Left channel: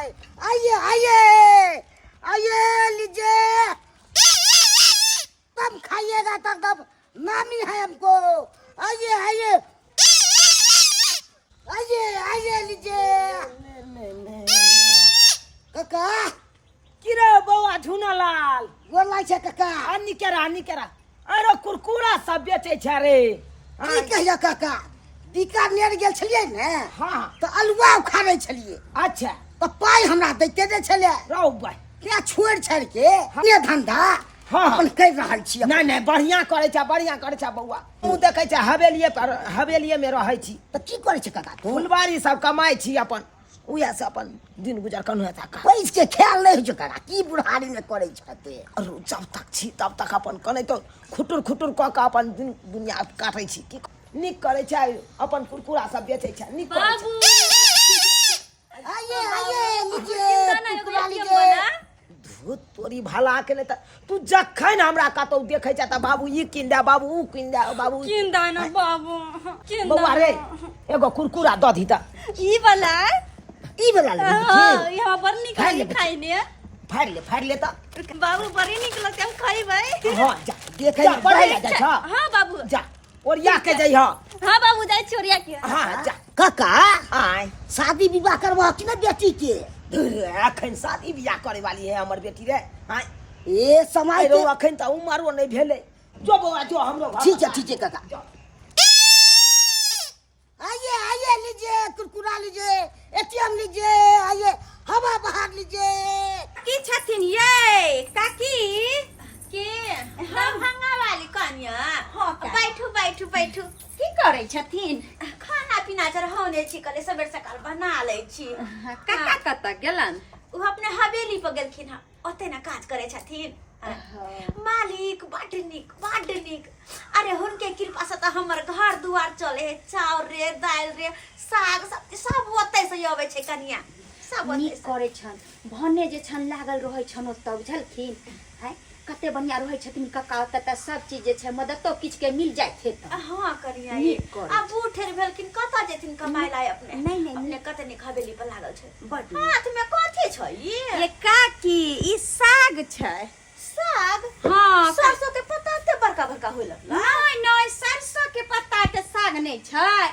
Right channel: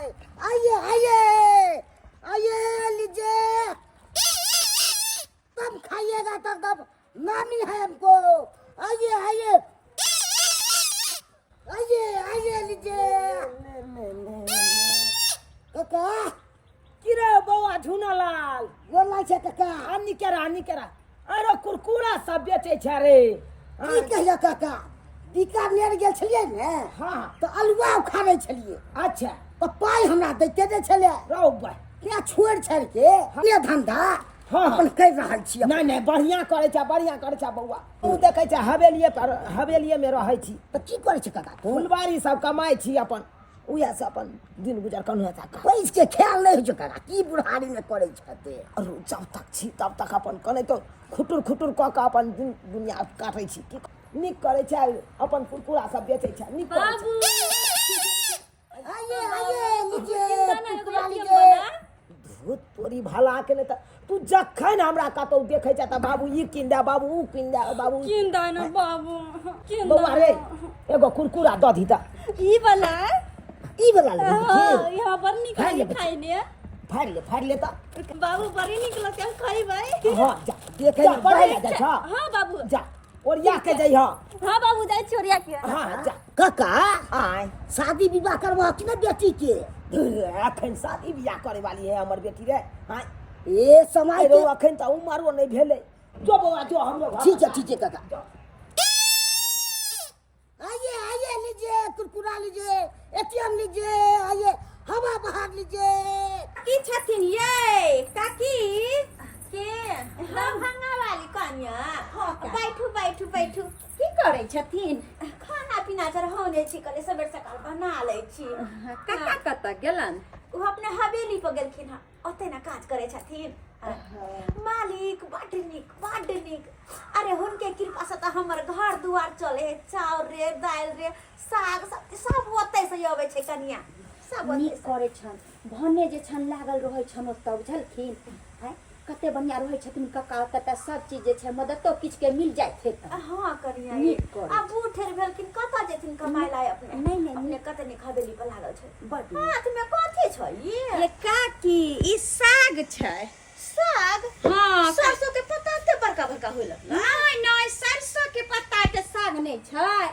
जाए। आइए आइए आइए लीजिए, तब खाइएगा तब नामी है हमको। आइए आइए आइए आइए लीजिए। काका किरे बौआ झुनालाल गोर लागै छै काका। आनी केरा अरे कुरकुरा सब बेचे छ रे। की कहियो काका, बीकानेर गेल छलियै ने हाँ तऽ अलुआ उखाड़ै छलियै, अच्छा तऽ पाइ हमरा दैते नहि छलै। रौ भाई क्या छोड़ छाड़ के ये धंधा हाँ। अपन कर रहल छी। नहीं बढ़िया करे छ बौआ। तू देखे छ हवेलिये में रहे छी तऽ की करे छै काका तू? फुलबारी सब कमाई छी अपन, उहे से अपन दिन गुजर कन्हु था। पैस के ख्याल नहीं होइ छै काका, की बुढ़ारी में करे छते। अरु जब तक छी तब तक अपन कने तो खुटुर क के अपन दुनिया काटे छी। की निक करे छ अपन कुरकुरा सब बेचे छ निक करे छ। आइए आइए लीजिए कुरकुरा लीजिए। धूत तोरी भला के नहीं त तू जखन हमरा कतौ देखे छ त बाबू ई किन दे, बाबू ऊ किन दे, बाबू किन दे ना बाबू, किन बौआ रे एगो कुरकुरा द दी त। ई वाला ई वाला ले हां यहाँ पर खाइ ले निकल खाई ने फाड़ ले त। बाबू बड़ी निकल के हम खाई भाई। हां जा देखे ना पढ़े जा छ। हां बाबू जा ओरिया के जई हां। हां बाबू जाई छोरिया के। हां जा काका आय शादी विवाह करबा कि ना बेटी के? अखन शादी बियाह करे वाली है हमर बेटी रे। हां ए समय रो के अखन त उमरो नहीं भेले। जो बौआ जो हमरो घर ठीक है काका। आइए आइए लीजिए कुरकुरा लीजिए, एटीएम लीजिए, आइए हवा बाहर लीजिए। की छथिन ये काकी के हम भंगा वाली कन्या। हां बैठू की करे छथिन? खाना पीना जर होने छी कले सबेर सकाल बना लै छी। काका कत गेलन? उ अपने हवेली पर गेलखिन ह, ओते ना काज करे छथिन। मालिक बड निक। अरे हुनके कृपा से त हमर घर दुआर चले है। चाउर रे दाल रे साग सब्जी सब ओते से आवे छै कनिया। सब नीक करे छन भने जे छन लागल रहै छन ओतऽ बुझलखिन है कते बढ़िया रहै छथिन कक्का ओतऽ सब चीज जे छै मदतो किछ के मिल जाय थे त। हां कनिया नीक करे अब बूढ़ेर भेलखिन कत जेथिन कमाय लाय अपने। नहीं अपने कते निक हवेली पर लागल छै। बड हाथ में कथि छै ये काकी ई साग छै। साग? हां सरसों के पत्ता ते बड़का होइल। नहीं सरसों के पत्ता के साग नहीं छै,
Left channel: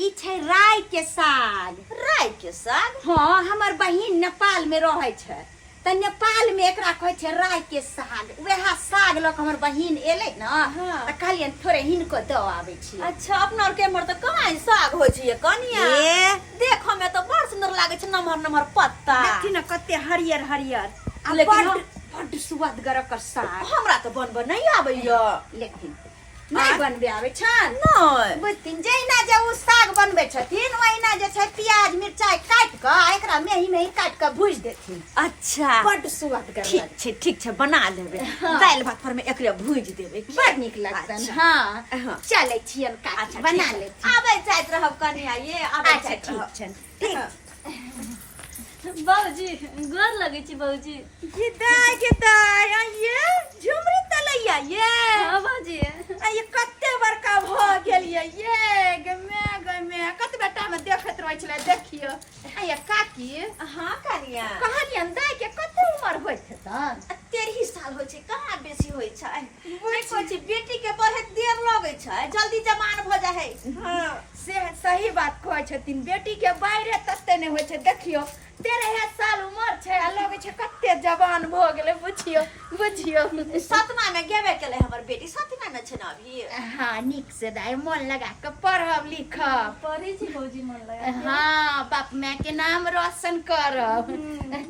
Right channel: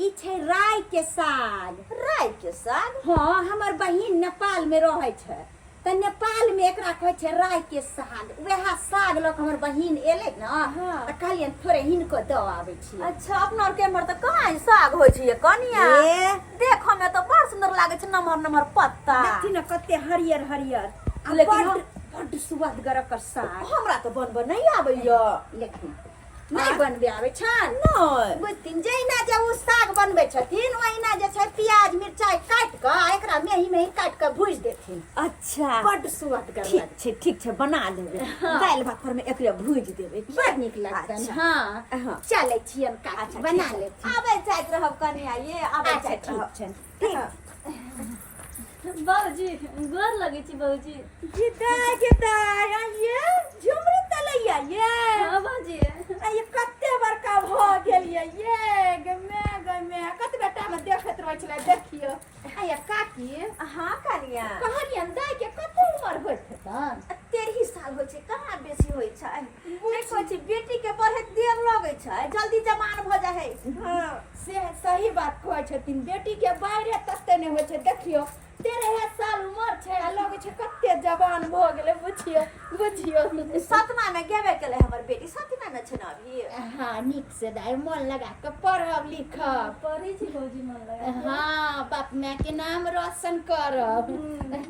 ई छै राई के साग। राई के साग? हां हमर बहिन नेपाल में रहै छै त नेपाल में एकरा कहै छै राई के साग। वएह साग ल के हमर बहिन एले न त कहलियन थोड़े हिनको द आबै छी। अच्छा अपना और के हमर त कहां साग होय छै ये कनिया? देखो में तो बड़ सुंदर लागे छै, नमहर पत्ता। देखी न कते हरियर आ लेकिन बड सुअदगर कर साग। हमरा तो बनबे नहीं आबैया। लेकिन नहीं बनबे आवे छन नहीं बुझथिन जैना जे उ साग बनबे छथिन ओहिना जे छै प्याज मिरचाई काट के एकरा मेही काट के भूज देथिन। अच्छा बड सुअदगर ठीक छै बना लेबे। दाल भात पर में एकरे भूज देबे, बड नीक लगतन। हां चलै छियन काकी बना लेथिन। आबै जाइत रहब कनिया ये आबै अच्छा जाइत ठीक रहब। छन ठीक। बाबूजी गोर लगे छी बाबूजी। गिदाय ये झुमरी तलैया ये। हां बाबूजी ये कते बड़का भ गेलिए ये गमे कते बेटा में देखत रहै छले देखियो। आया काकी हां कनिया कहलियन दाय के कते उम्र होइत हेतन? 13 साल होय छै, कहाँ बेसी होय छै। नहीं कहै छी बेटी के पढ़े देर लगे छै, जल्दी जवान भ जाय है। हां से सही बात कहै छथिन, बेटी के बाहरे तते नहीं होय छै। देखियो 13 साल उम्र छै आ लगे छै कते जवान भ गेले। बुझियो सतमा में गेबे केले हमर बेटी, सतमा में छै ना अभी। हां नीक से दाय मन लगा के पढ़ब लिखब। पढ़े छी बाबूजी मन लगा। हां बाप माय के नाम रोशन करब।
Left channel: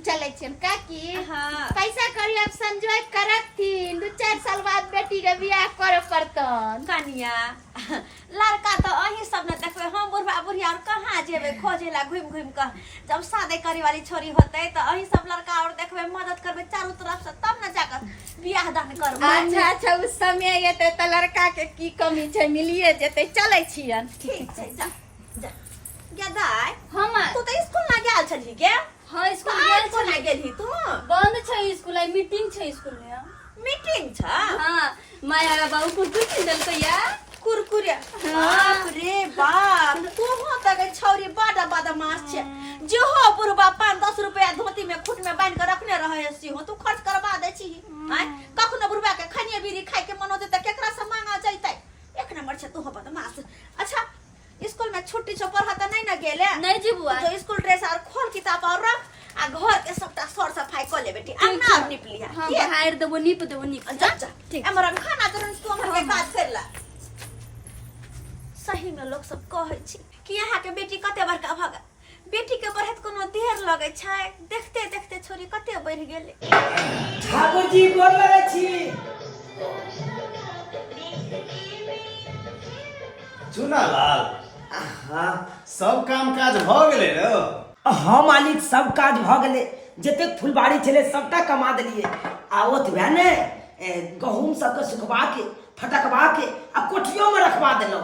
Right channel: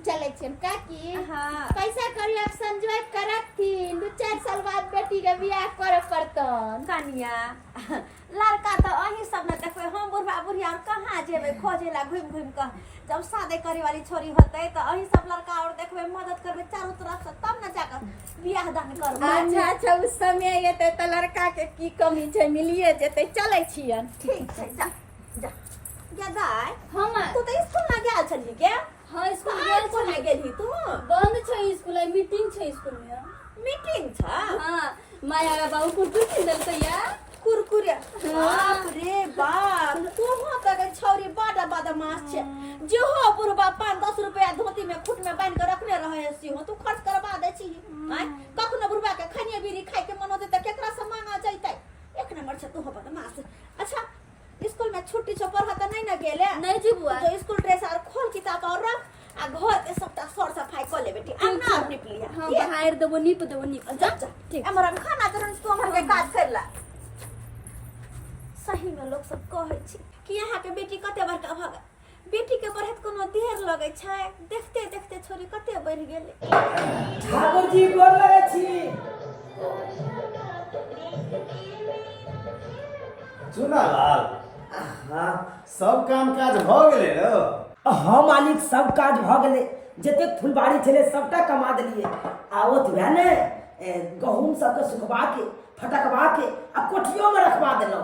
चले छियन काकी। हां पैसा करी अब संजोय करथिन 2-4 साल बाद बेटी के बियाह करे पड़तन। कनिया लड़का तो अही सब न देखबे, हम बुढ़िया और कहाँ जेबे खोजे ला घूम के। जब शादी करे वाली छोरी होते तो अही सब लड़का और देखबे, मदद करबे चारों तरफ से, तब न जाकर बियाह दान करबे। अच्छा उस समय एते त लड़का के की कमी छै मिलिए जेते। चले छियन ठीक छै जा गेदाय। हम तू तो स्कूल ना गेल छली के? हां स्कूल गेल छली ना गेलही तू? बंद छै स्कूल, आई मीटिंग छै स्कूल में। मीटिंग छ? हां माया बाबू कुछ देलकै या कुरकुरे बाप रे बाप तू हो तक छौरी बादा बादा मास छे जो हो बुढ़बा 5-10 रुपया धोती में खुट में बांध के रखने रहे सी हो तू खर्च करवा दे छी हैं कखनो बुढ़बा के खनिया बीड़ी खाए के मन होते त केकरा से मांगा जइतै एक नंबर छे तू हो बदमाश। अच्छा स्कूल में छुट्टी छो पढ़ा नहीं ना गेले नहीं जी बुआ तो स्कूल ड्रेस और खोल किताब और रख आ घर के सबटा सर सफाई कर ले बेटी अंगना अब निप लिया हां बाहर देबो नीप जा ठीक हमरा खाना तुरंत तू हमरा के काज कर ला। सही में लोग सब कहै छी कि यहाँ के बेटी कते बड़का भगा बेटी के बढ़त कोनो देर लगे छै देखते देखते छोरी कते बढ़ गेले। ठाकुर जी बोल लगे छी चुनालाल हाँ सब काम काज भ गेले न हाँ मालिक सब काज भ गेले जते फुलबाड़ी छले सबटा कमा देलिए आ ओतबे ने गहूम सबके सुखबा के फटकबा के आ कोठियो में रखवा देलो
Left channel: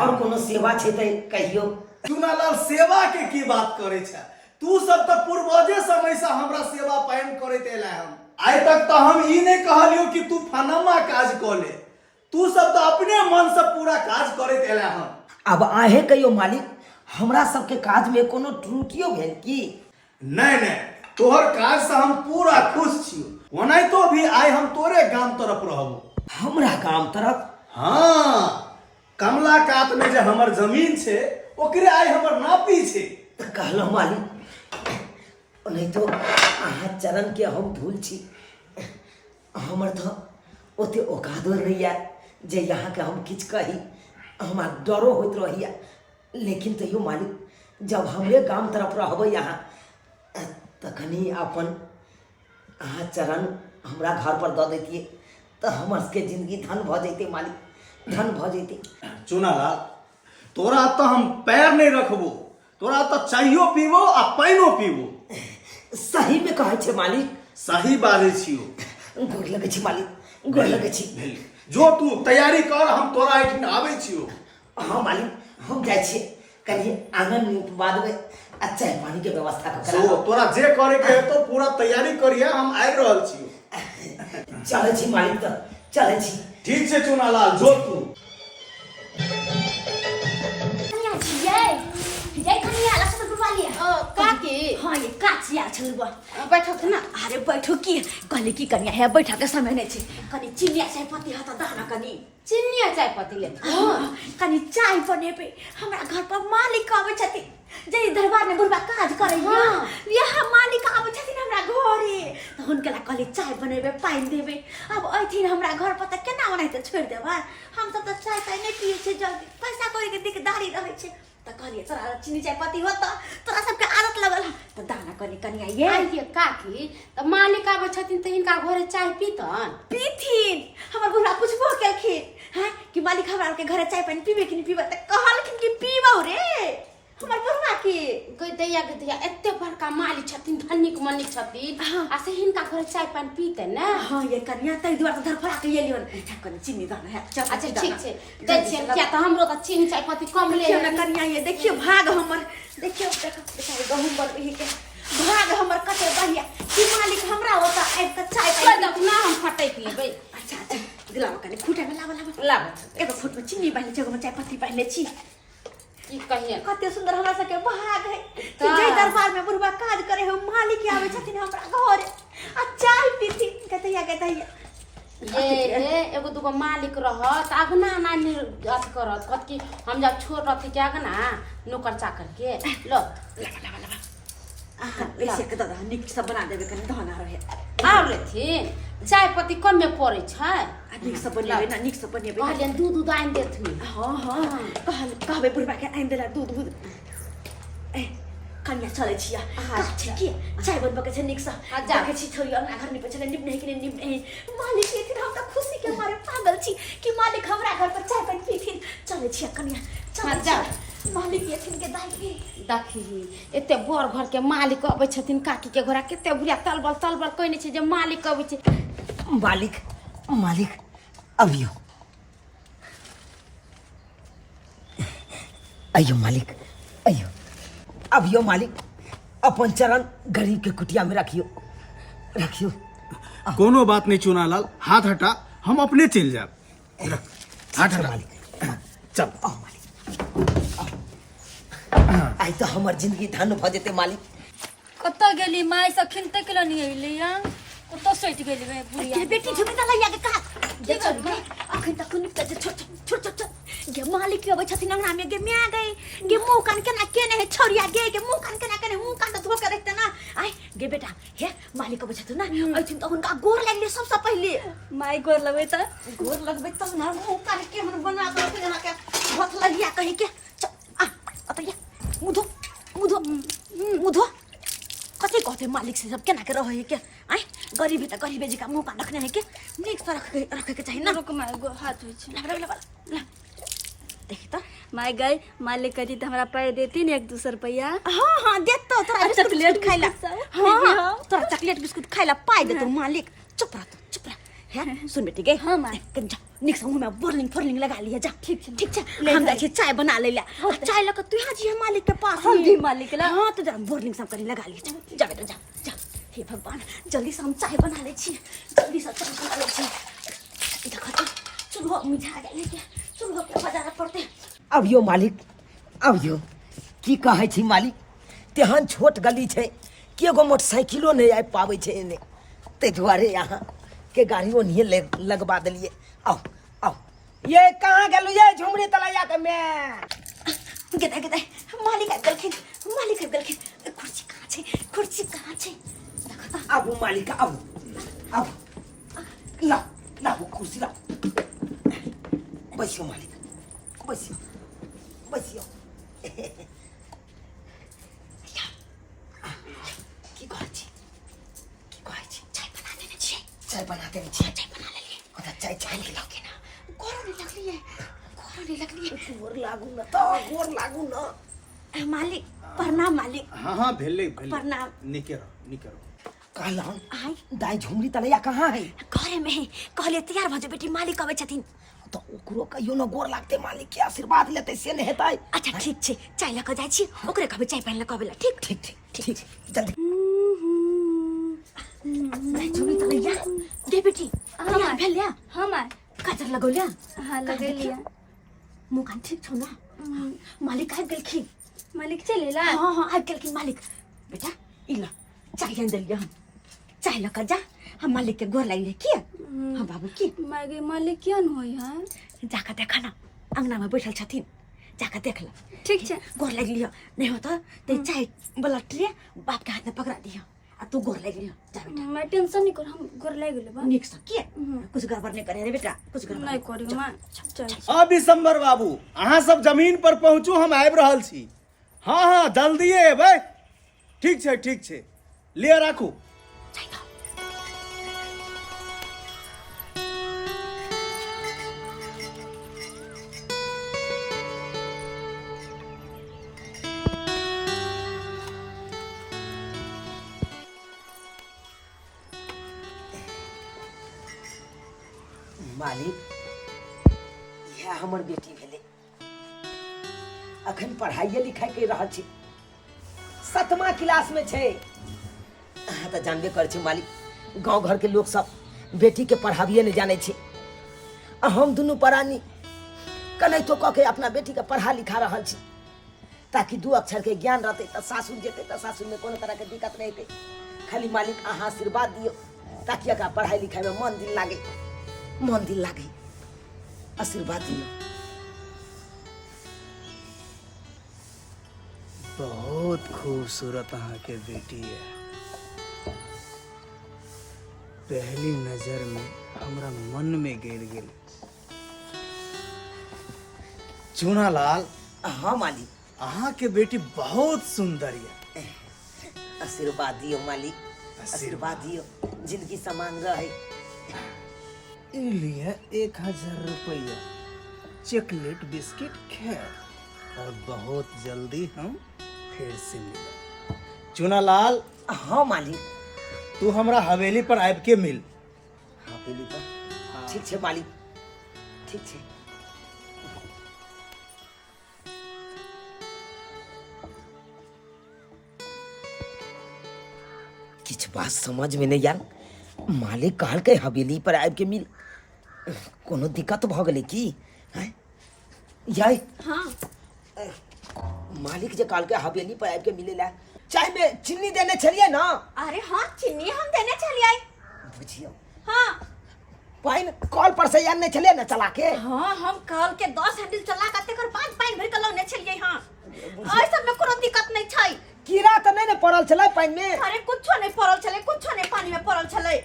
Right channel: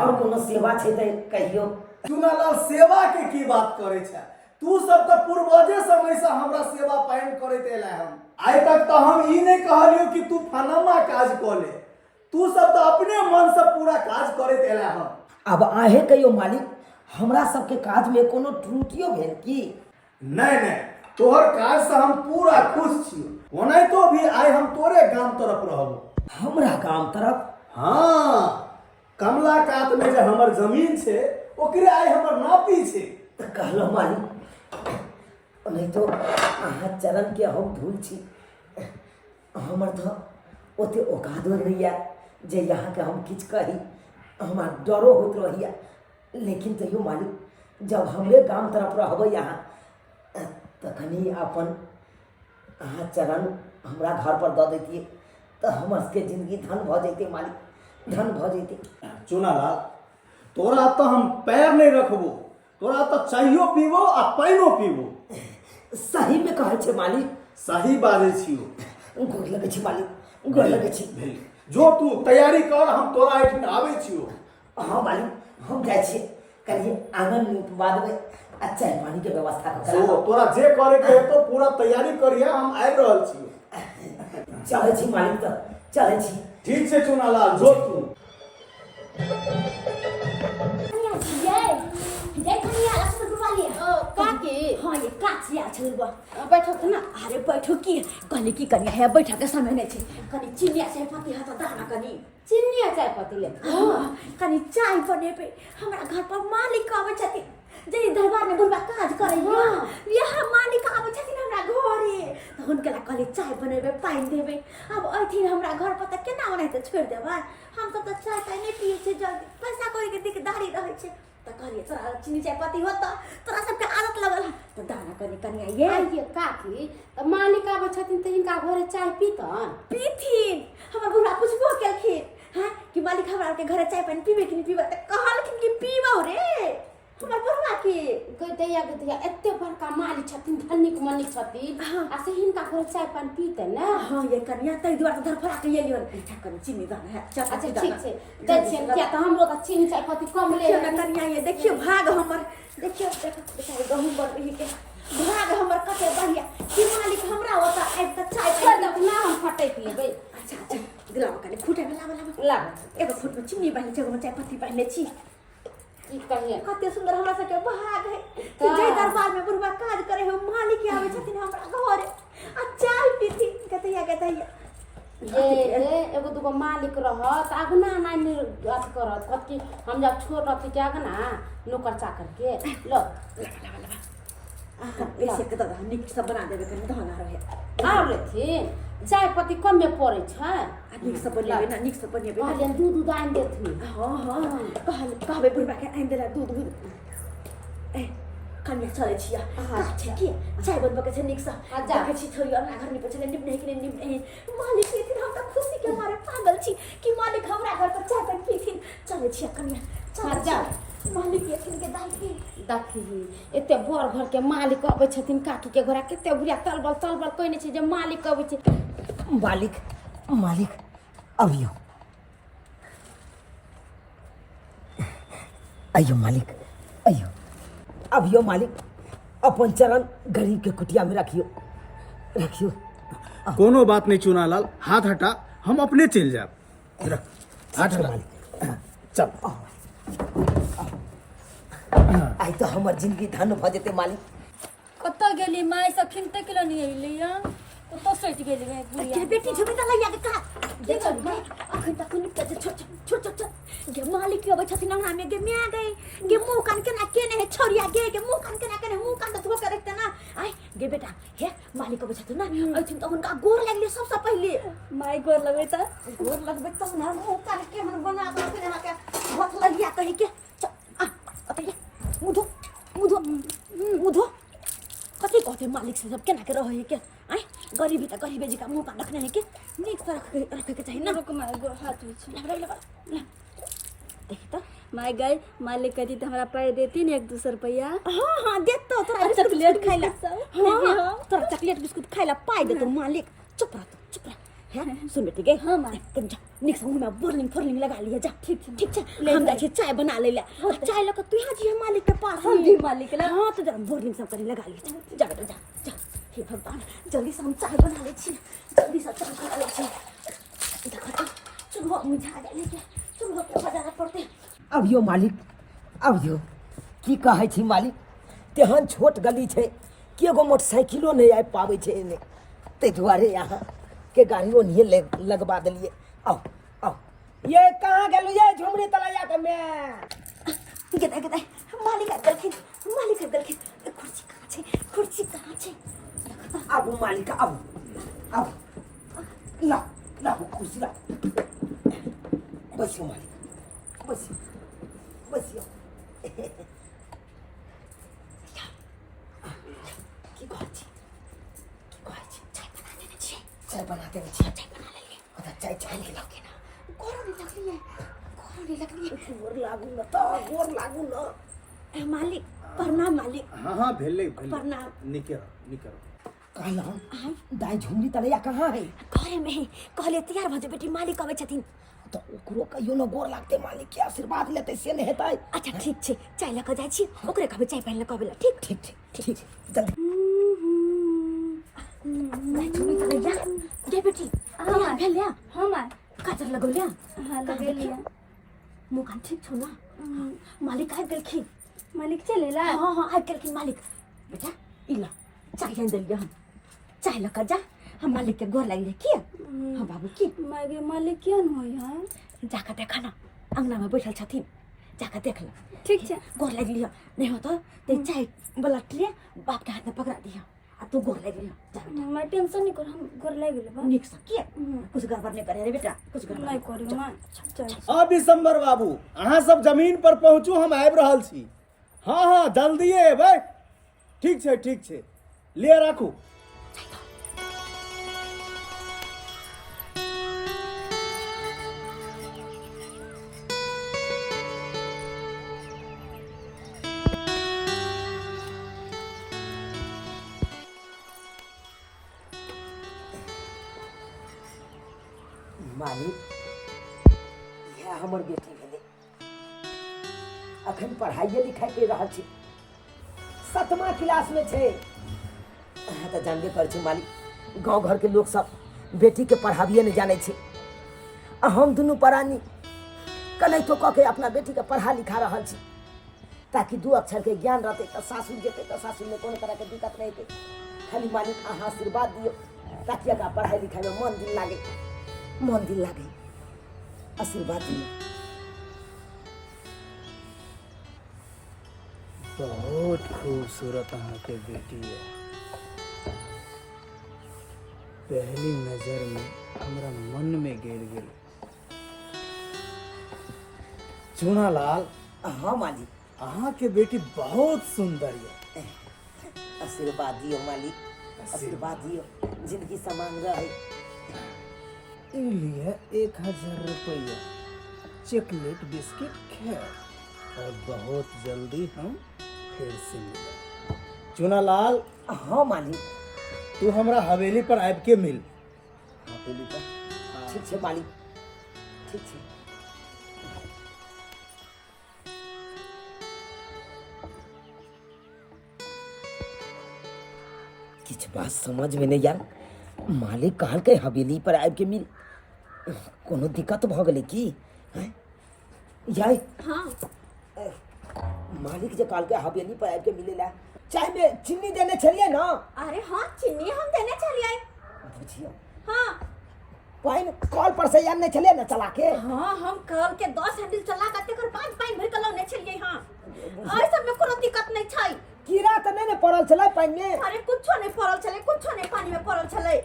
और कोनो सेवा छै त कहियो। चुनालाल सेवा के की बात करे छ तू सब तो पूर्वजे समय से हमरा सेवा पायन करते एला हम आइ तक तो हम ई नहीं कहलियो कि तू फनमा काज क ले तू सब तो अपने मन से पूरा काज करते एला हम। अब आहे कहियो मालिक हमरा सबके काज में कोनो त्रुटियो भेल की? नहीं नहीं तोहर काज से हम पूरा खुश छियो ओनाई तो भी आइ हम तोरे गांव तरफ रहबो। हमरा गांव तरफ? हाँ कमला कात में जो हमर जमीन छे ओकरे आइ हमर नापी छे। कहलो मालिक नहीं तो अहाँ चरण के हम धूल छी हमर तो ओते औकात नहीं है जे यहाँ के हम किछ कही हमार डरो होत रहिया लेकिन तैयो मालिक जब हमरे गांव तरफ रहबै यहाँ तखनी अपन अहाँ चरण हमरा घर पर दऽ दैतिए तो हमर सबके जिंदगी धन भ जैते मालिक धन भ जैते। चुनालाल तोरा तो हम पैर नहीं रखबो तोरा तो चाहियो पीबो आ पाइनो पीबो। सही में कहै छै मालिक? सही बाजै छियो। गोर लगै छी मालिक गोर लगै छी। जो तू तैयारी कर हम तोरा एठिन आबै छियो। हाँ मालिक हम जाइ छी कनी आंगन में उपवा देबै आ चाय पानी के व्यवस्था कर जो तोरा जे करे के हेतो पूरा तैयारी करिया हम आबि रहल छियो। चलै छी मालिक तो चलै छी। ठीक छै चुनालाल जो तू काकी हाँ ये काचिया छलबा बैठो ना अरे बैठो की कहले की कनिया है बैठा के समय नहीं छे कनी चिनिया चाय पत्ती हाथ दाना कनी चिनिया चाय पत्ती ले कनी चाय बनेबे हमरा घर पर मालिक आबै छथि जे दरबार में बुढ़बा काज करे यहाँ मालिक आबै छथिन हमरा घरे त हुनके ला कहले चाय बनेबे पाइन देबे अब अइथिन हमरा घर पर त केना बनाइ त छोड़ देबा हम सब त चाय पाइन नहीं पिए छे जल्दी पैसा करे के दिकदारी रहे छे त कहलिए तोरा चीनी चाय पत्ती होता तोरा सबके आदत लगल त दाना कनी कनिया ये काकी त मालिक आबै छथिन त हिनका घरे चाय पीथिन हमर बुढ़ा पूछबो केलखिन हैं कि मालिक हमरा के घरे चाय पानी पीबे कि नहीं पीबे त कहलखिन कि पीबो रे हमर बुढ़वा के दैया एते बड़का मालिक छथिन धनिक मनिक छथिन आ से हिनका घरे चाय पानी पीते ना। हां ये कन्या तै दुआर त धरफड़ा के एलियो अच्छा कनी चीनी दाना है अच्छा ठीक छै दै छियै किया त हमरो त चीनी चाय पत्ती कम ले ना कन्या ये देखियो भाग हमर देखियो बेचारे गहूम बनबही के भाग हमर कते बढ़िया कि मालिक हमरा होता आब त चाय पानी ना हम फटैक लेबै। अच्छा दिलावा कनी खूटे में लावा एगो फुट में चीनी बानी जगह में चाय पत्ती बानी छी की कहिए कते सुंदर हमरा सबके भाग है कि जय दरबार में बुढ़बा काज करे हो मालिक आवे छथिन हमरा घरे आ चाय पीती कहतैया ये एगो दुगो मालिक रहत अगना नानी अथी करत कत की हम जब छोट रहती के अगना नौकर चाकर के लो लावा पैसे के दादा निक सब बना देबे कनी धना रहे आउ लेथिन चाय पत्ती कम में पड़े छै निक सब बनेबे ना निक सब बनेबे कहलिए दूध आइन देथिन। हां कहबे बुढ़बा के आइन देला दूध ए कन्या चले छिया काछे की चाय बनबे के छै निक सा जाके छी थोड़ी अपना घर निप चले निप नहीं मालिक एथिन हम त खुशी के मारे पागल छी कि मालिक हमरा घर पर चाय पानी पीथिन चले छिया कन्या चल जा मालिक एथिन के देखी एते बड़ घर के मालिक अबै छथिन काकी के घोड़ा केते बुढ़िया तलबल कहने छै जे मालिक अबै छै मालिक अबियो अयो मालिक अयो अबियो मालिक अपन चरण गरीब के कुटिया में रखियो। कोनो बात नहीं चुनालाल हाथ हटा हम अपने चल जाब। हाथ हटा मालिक चल आई तो हमर जिंदगी धन भ जेते मालिक। कत गेली माय सखिन तक ल नहीं अइली या कत सट गेली रे बुढ़िया के बेटी झुमी त लैया के का जे चल गे अखन तक कुन त छोट गे मालिक के अबै छथिन अंगना में गे मिया गए गे मुंह कान केना केने है छोरिया गे मुंह कान केना केने मुंह कान त धो के रखते ना आय गे बेटा हे मालिक अबै छथिन ना अइथिन त हुनका गोर लागले सबसे पहिले माय गोर लगबै त गोर लगबै त ना मुंह कान के हम बना दो फिर यहां के भत लगिया कहि के आ अतया मुधो कति कहते मालिक से सब केना के रहे के आय गरीबी त गरीबे जी का मुंह कान रखने है के नीक से रखे के चाहिए ना रुक माय गो हाथ होई छै ला देखी तो माय गई मालिक कहती त हमरा पाई देती ने 1-2 रुपया हाँ देतो तोरा चॉकलेट खाइला हाँ तोरा चॉकलेट बिस्कुट खाइला पाई देतो मालिक चुप रह है सुन बेटी गई हाँ माय कम जा निक से मुंह में बोरलिंग लगा लिया जा ठीक है हम जाके चाय बना ले चाय लगा तू यहाँ जी है मालिक के पास हम भी मालिक ला हाँ तो जरा बोरलिंग सब करी लगा लिया जा बेटा जा हे भगवान जल्दी से हम चाय बना ले छी जल्दी से चाय बना ले छी देखो तो चुल्हो मिठा गए के चुल्हो के बाजार पड़ते अभियो मालिक अभियो की कहै छी मालिक तेहन छोट गली छै कि एगो मोटरसाइकिलो नहीं आबि पाबै छै एने ताहि दुआरे यहाँ के गाड़ियों नहीं लगवा दिलिए। आओ ये कहाँ गेलू ये झुमरी तलैया के मैं गदा मालिक आबि गेलखिन कुर्सी कहाँ छै देखो तो आबू मालिक आबू ला कुर्सी ला बैसियो मालिक बैसियो की कहै छी चाय बना देने छियै चाय बना लेलिए ओता चाय के लगे ना गोर नहीं लगली गोर लागू न मालिक प्रणाम मालिक हाँ भेले प्रणाम निकरो कहला दाई झुमरी तलैया कहाँ है घरे में ही कहले तैयार भ जो बेटी मालिक अबै छथिन तो ओकरो कहियो न गोर लागते मालिक के आशीर्वाद लेते से नहीं हेतै। अच्छा ठीक छै चाय लऽ कऽ जाइ छी ओकरे कहबै चाय पानि लऽ कऽ अबै ला ठीक जल्दी नहीं झुमरी तलैया गे बेटी तैयार भेल या हां माय काजर लगौल्या हां लगेलिया मुँह कान ठीक छौ ना मालिक आबि गेलखिन मालिक चले ला हाँ आबि गेलखिन मालिक बेटा ई ला चाय आनि देलियै हम चाय लऽ कऽ जा हम मालिक के गोर लागि की हाँ बाबू की माय गे मालिक कियन होई है जाकर देखा ना अंगना में बैठल छथिन जाकर देख ला ठीक छै गोर लागि लियो नहीं हो तो चाय बलट लिए बाप के हाथ में पकड़ा दियो आ तू गोर लागि लियो जा बेटा मैं टेंशन नहीं कर हम गोर लाग गेले बा निक से के कुछ गड़बड़ नहीं करे रे बेटा कुछ गड़बड़ नहीं करी माय चल अब दिसंबर बाबू अहाँ सब जमीन पर पहुँचू हम आबि रहल छी हाँ जल्दिए एबै ठीक छै लिअ राखू मालिक यह हमर बेटी भेले अखन पढ़ाइए लिखाई कर रहल छी 7मा क्लास में छै। अहाँ तो जानबे कर छी मालिक गांव घर के लोग सब बेटी के पढ़ाबिए नहीं जाने छी आ हम दुनू परानी कनैतो कह के अपना बेटी के पढ़ा लिखा रहल छी ताकि 2 अक्षर के ज्ञान रहते तो सासुर जेते तो सासुर में कोनो तरह के दिक्कत नहीं हेतै। खाली मालिक अहाँ आशीर्वाद दियो ताकि एकरा पढ़ाई लिखाई में मन दिल लागे आशीर्वाद दियो। बहुत खूबसूरत अहाँ के बेटी है पहली नजर में हमरा मन में गिर गेल। चूनालाल हाँ मालिक अहाँ के बेटी बहुत सुंदर है आशीर्वाद दियो मालिक आशीर्वाद दियो जिंदगी समान रहे। लिए 1000 रुपया चॉकलेट बिस्किट खैर और बहुत जल्दी हम फिर से मिलें। चूनालाल हाँ मालिक तू हमरा हवेली पर आबि के मिल। हवेली पर ठीक छै मालिक ठीक छै। किछ बात समझ में नहीं आयल मालिक कहलकै हवेली पर आबि के मिल कोनो दिक्कत भ गेलै की हैं याई हाँ मालिक जे काल के हवेली पर आबि के मिलेला चाय में चीनी देने चलिए ना। अरे हाँ चीनी हम देने चली आई। बुझियो हाँ पाइन कॉल पर से आने चलिए ना चला के। हाँ हम कल के 10 हैंडल चला करते कर 5 पाइन भर के लौने चलिए। हाँ आई सब में कोनो दिक्कत नहीं छै। कीड़ा तो नहीं पड़ल चला पाइन में। अरे कुछो नहीं पड़ल चले, कुछो नहीं पानी में पड़ल चले।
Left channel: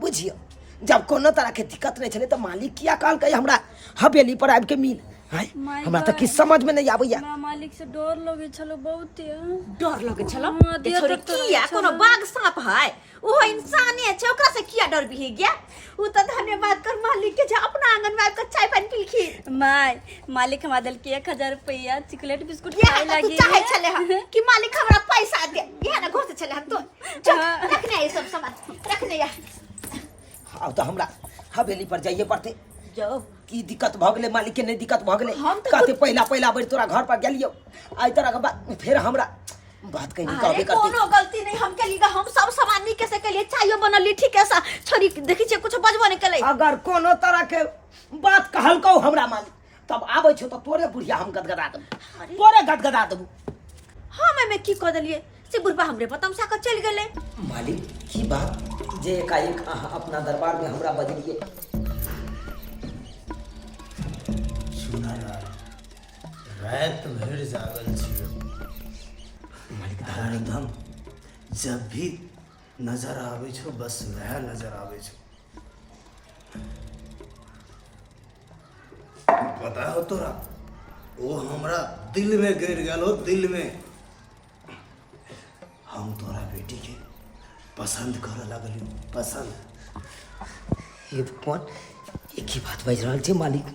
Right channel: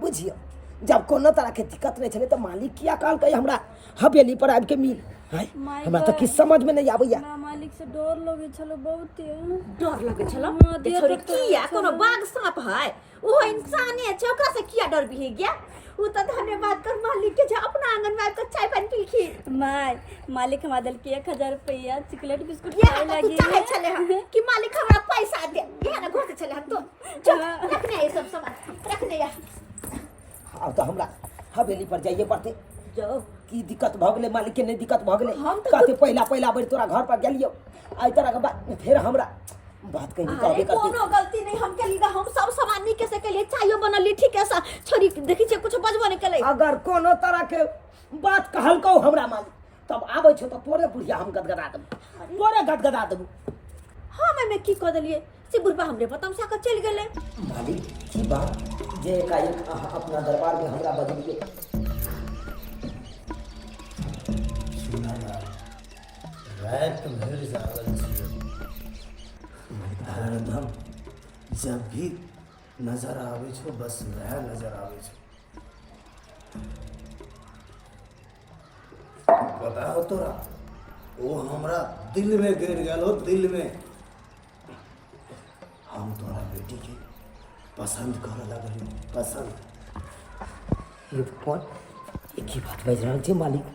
बुझियो जब कोनो तरह के दिक्कत नहीं चले तो मालिक किया काल के हमरा हवेली पर आबि के मिल। हमरा तो किस समझ में नहीं आबैया। मालिक से डर लगे छलो बहुत। डर लगे छलो हाँ, ए छोरी किया कोनो बाघ सांप है वो इंसान है छै ओकरा से किया डर भी गया। उ त धन्यवाद कर मालिक के जे अपना आंगन में आकर चाय पानी पीलखी। मालिक हमरा दिल के 1000 रुपया चॉकलेट बिस्कुट ये खाए तू लागी चाहे चले हम कि मालिक हमरा पैसा दे। ये ना घर से चले हम तो चल रखने ये सब सामान रखने या। अब तो हमरा हवेली पर जाइए पड़ते। जाओ की दिक्कत भ गेले मालिक के नहीं दिक्कत भ गेले। हम तो कहते पहला बार तोरा घर पर गेलियो आई तरह के बात फिर हमरा बात कहीं कहबे अरे करती। कोनो गलती नहीं हम के लिए हम सब सामान नी कैसे के लिए चायो बनली ठीक है सा छोरी देखी छे कुछ बजबो नहीं केले। अगर कोनो तरह के बात कहल को हमरा मालिक तब आबै छो तो तोरे बुढ़िया हम गदगदा देबू तोरे गदगदा देबू। हाँ मैं की कह दलिए से बुढ़बा हमरे बतम सा कर चल गेले। मालिक की बात जे एकाएक अपना दरबार में हमरा बजलिए। सुना ना रात भर जागल छियो। हरदम जब भी नजर आवे छो बस वह नजर आवे छो। पता हो तोरा वो हमरा दिल में गिर गेलो दिल में। हम तोरा बेटी के पसंद करे लगलियो पसंद। ये कौन एक ही बात बज रहल छै मालिक।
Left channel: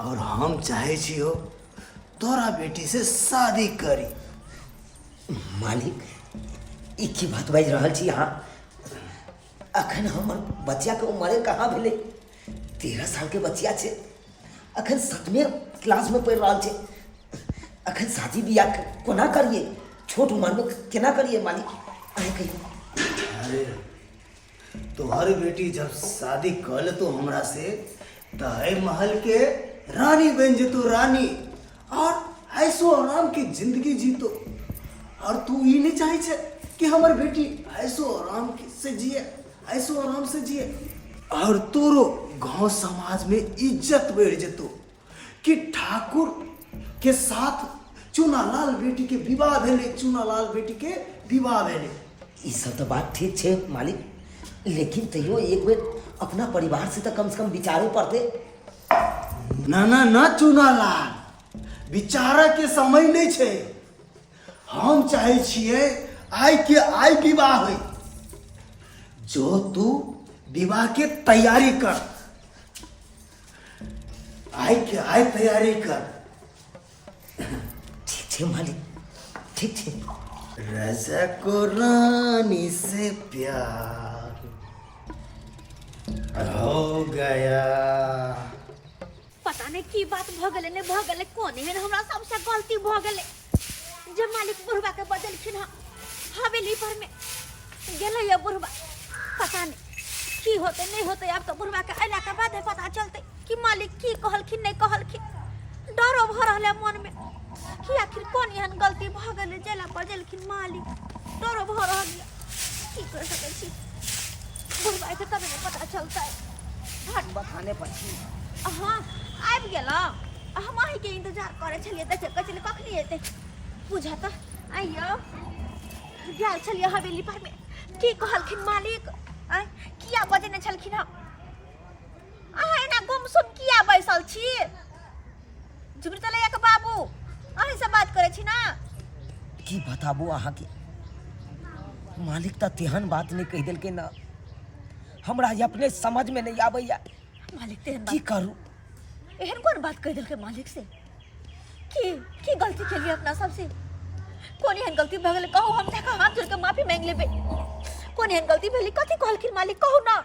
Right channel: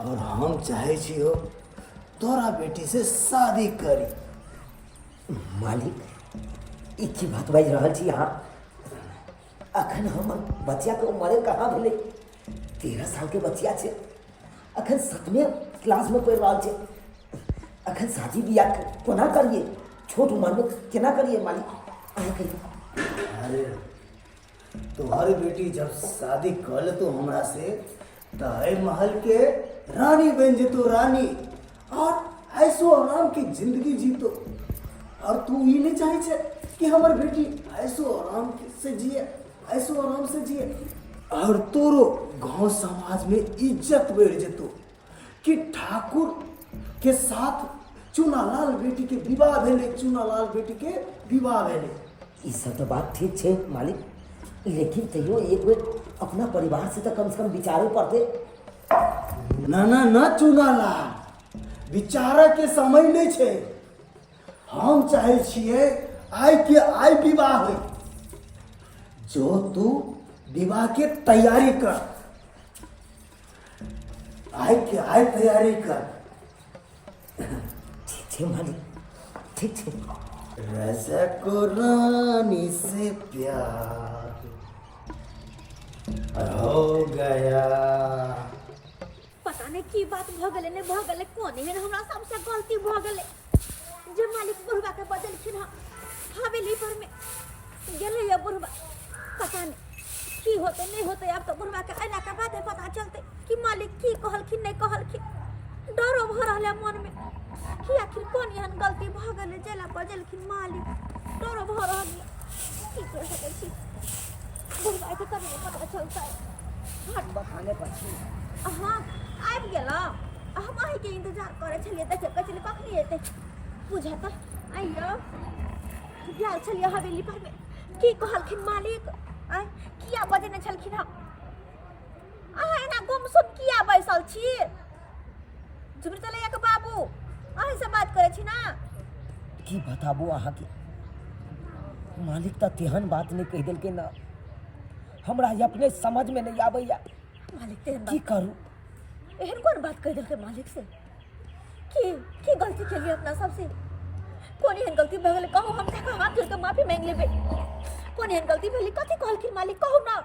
और हम चाहे छियो तोरा बेटी से शादी करी। मालिक एक ही बात बज रहल छी अहाँ। अखन हमर बच्चा के उम्र कहाँ भेले 13 साल के बच्चा छै। अखन 7वें क्लास में पढ़ रहल छै। अखन शादी बियाह कोना करिए छोट उम्र में केना करिए मालिक अहाँ कहिए। अरे तोहर बेटी जब शादी कर ले तो हमरा से तय महल के रानी बन जेतो रानी और ऐसो आराम की जिंदगी जीतो। और तू ये नहीं चाहे छे कि हमार बेटी ऐसो आराम से जिए ऐसो आराम से जिए। और तोरो गांव समाज में इज्जत बढ़ जेतो कि ठाकुर के साथ चूनालाल बेटी के विवाह भेले चूनालाल बेटी के विवाह भेले। ई सब तो बात ठीक छै मालिक लेकिन तैयो एक बेर अपना परिवार से तो कम से कम विचारे पड़ते। ना ना ना चूनालाल विचार के समय नहीं छे। हम चाहे छिए आइ के आइ विवाह हो जो तू विवाह के तैयारी कर। आइ के आइ तैयारी कर। ठीक छै मालिक ठीक छै। राजा को रानी से प्यार हो गया। पता नहीं की बात भ गेले ने भ गेले कोने है हमरा सबसे गलती भ गेले जे मालिक बुढ़बा के बदलखिन हवेली पर में गेले ये बुढ़बा। पता नहीं की होते नहीं होते अब तो बुढ़बा के अला के बाद पता चलते कि मालिक की कहलखिन नहीं कहलखिन। डरो भ रहले मन में कि आखिर कौन एहन गलती भ गेले जेला बदलखिन मालिक। डरो भ रहल की कर सकै छी बुढ़बा के तब पता चलता है। हट बखाने पर छी। हाँ आबि गेलौ हम अहीं के इंतजार करे छलिए देखे कचली कखनी एते बुझा त आइयो गेल छलिए हवेली पर में की कहलखिन मालिक आय किया बजने छलखिन हम अहाँ एना गुमसुम किया बैसल छी। झुमरतले एक बाबू अहीं से बात करे छी ना की बताबू अहाँ के मालिक तो तेहन बात नहीं कह दिल के ना हमरा अपने समझ में नहीं आबैया मालिक तेहन की करूं। एहन कौन बात कह दिल के मालिक से की गलती के लिए अपना सबसे कौन एहन गलती भ गेले कहू हम देखा हाथ जोड़ के माफी मांग लेबे। कौन एहन गलती भेली कथी कहलखिन मालिक कहू ना।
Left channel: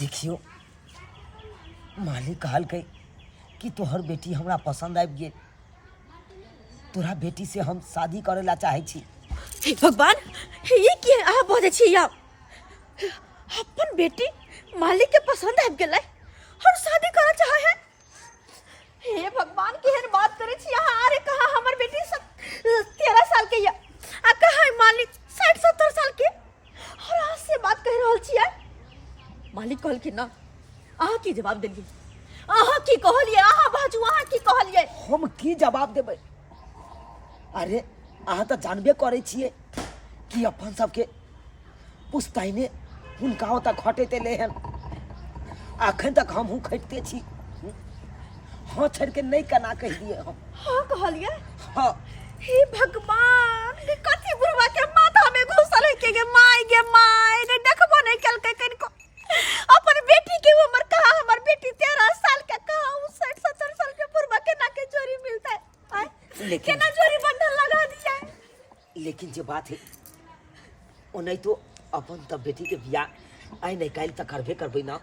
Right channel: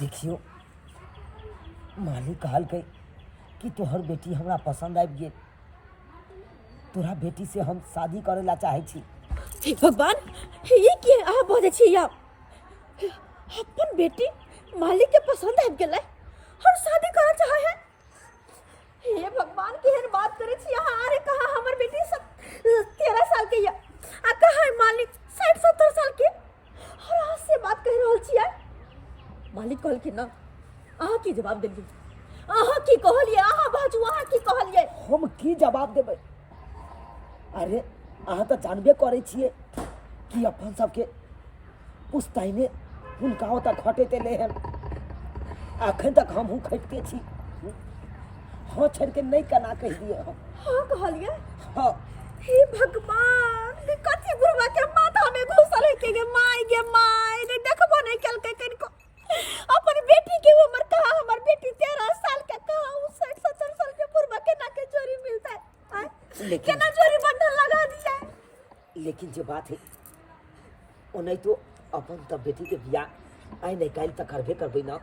देखियो मालिक कहल के कि तोहर बेटी हमरा पसंद आबि गेल तोरा बेटी से हम शादी करे ला चाहे छी। हे भगवान ये की अहाँ बोले छी या अपन बेटी मालिक के पसंद आबि गेलै और शादी करऽ चाहे है। हे भगवान केहन बात करे छी यहाँ। अरे कहा हमर बेटी सब 13 साल के या आ कहा है मालिक 60-70 साल के और आज से बात कह रहल छी। मालिक कहल कि ना अहाँ की जवाब देलिए? अहाँ की कहलिए? अहाँ बाजू, अहाँ की कहलिए? हम की जवाब देबै? अरे अहाँ तऽ जानबे करै छियै कि अपन सबके पुश्तैने हुनका ओतऽ खटैत एलै हन। अखन तक हमहूँ खटिते छी। हाँ छोड़ के नहीं केना कह दिए हम। हाँ कहलिए? हाँ। हे भगवान कथी बुढ़वा के माथा में घुसल है के माय गे माय ने देखबो नहीं कल कनिको अपन बेटी के उम्र कहा। हमर बेटी 13 साल के कहा 60-70 साल के बुढ़वा केना के जोड़ी मिलता है? लेकिन केना जोड़ी बंधन लगा दिया है? लेकिन जो बात है ओ नहीं तो अपन तब बेटी के बियाह आई नहीं काल तक करबे करबै ना।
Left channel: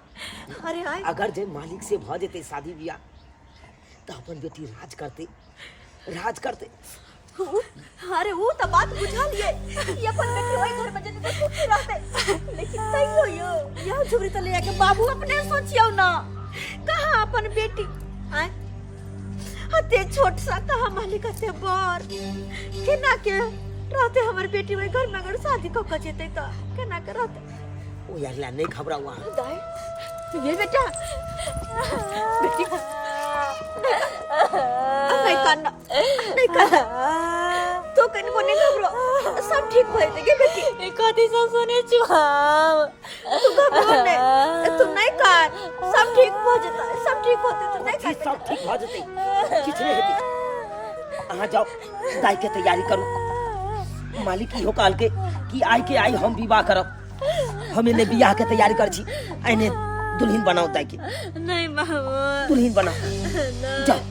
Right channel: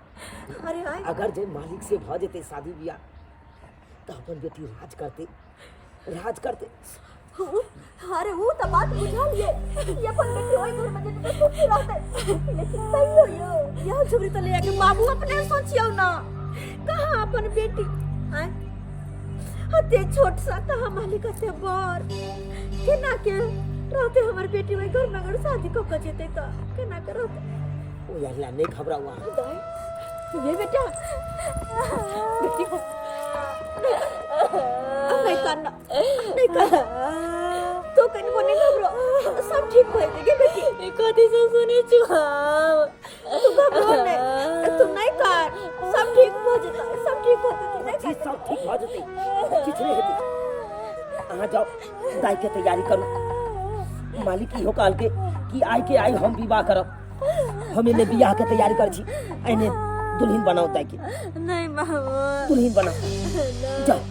अरे आय अगर जे मालिक से भ जेते शादी बियाह तो अपन बेटी राज करते। अरे वो तो बात बुझा लिए ये अपन बेटी ओई घर में जते तो सुखी रहते। लेकिन तइयो यो यह झुरी तो ले के बाबू अपने सोचियो ना कहां अपन बेटी आय हते छोट सा कहां मालिक हते बर केना के रहते। हमर बेटी ओई घर में अगर शादी को क जेते त केना के रहते? ओ यार ला नहीं घबराओ। दाई ये बेटा बेटी नहीं करना नहीं करना तो कहीं को नहीं घबरो सब ठीक हो जाएगा बेटी। कथी सब सुने छी हम? तू घबरो नहीं, तू नहीं कर सब ठीक हो जाता है। सब ठीक होते तो नहीं चीज सब ठीक भ जेते किछ नहीं हेते। अहाँ जाओ दाई के तैयारी करू। मालिक इहो कहल के कि आई हम विवाह करब। हम इने बियाह के तैयारी कर छी। आइने दुल्हन बनाओ दाई के। नहीं मामा दुल्हन बनाओ जाओ।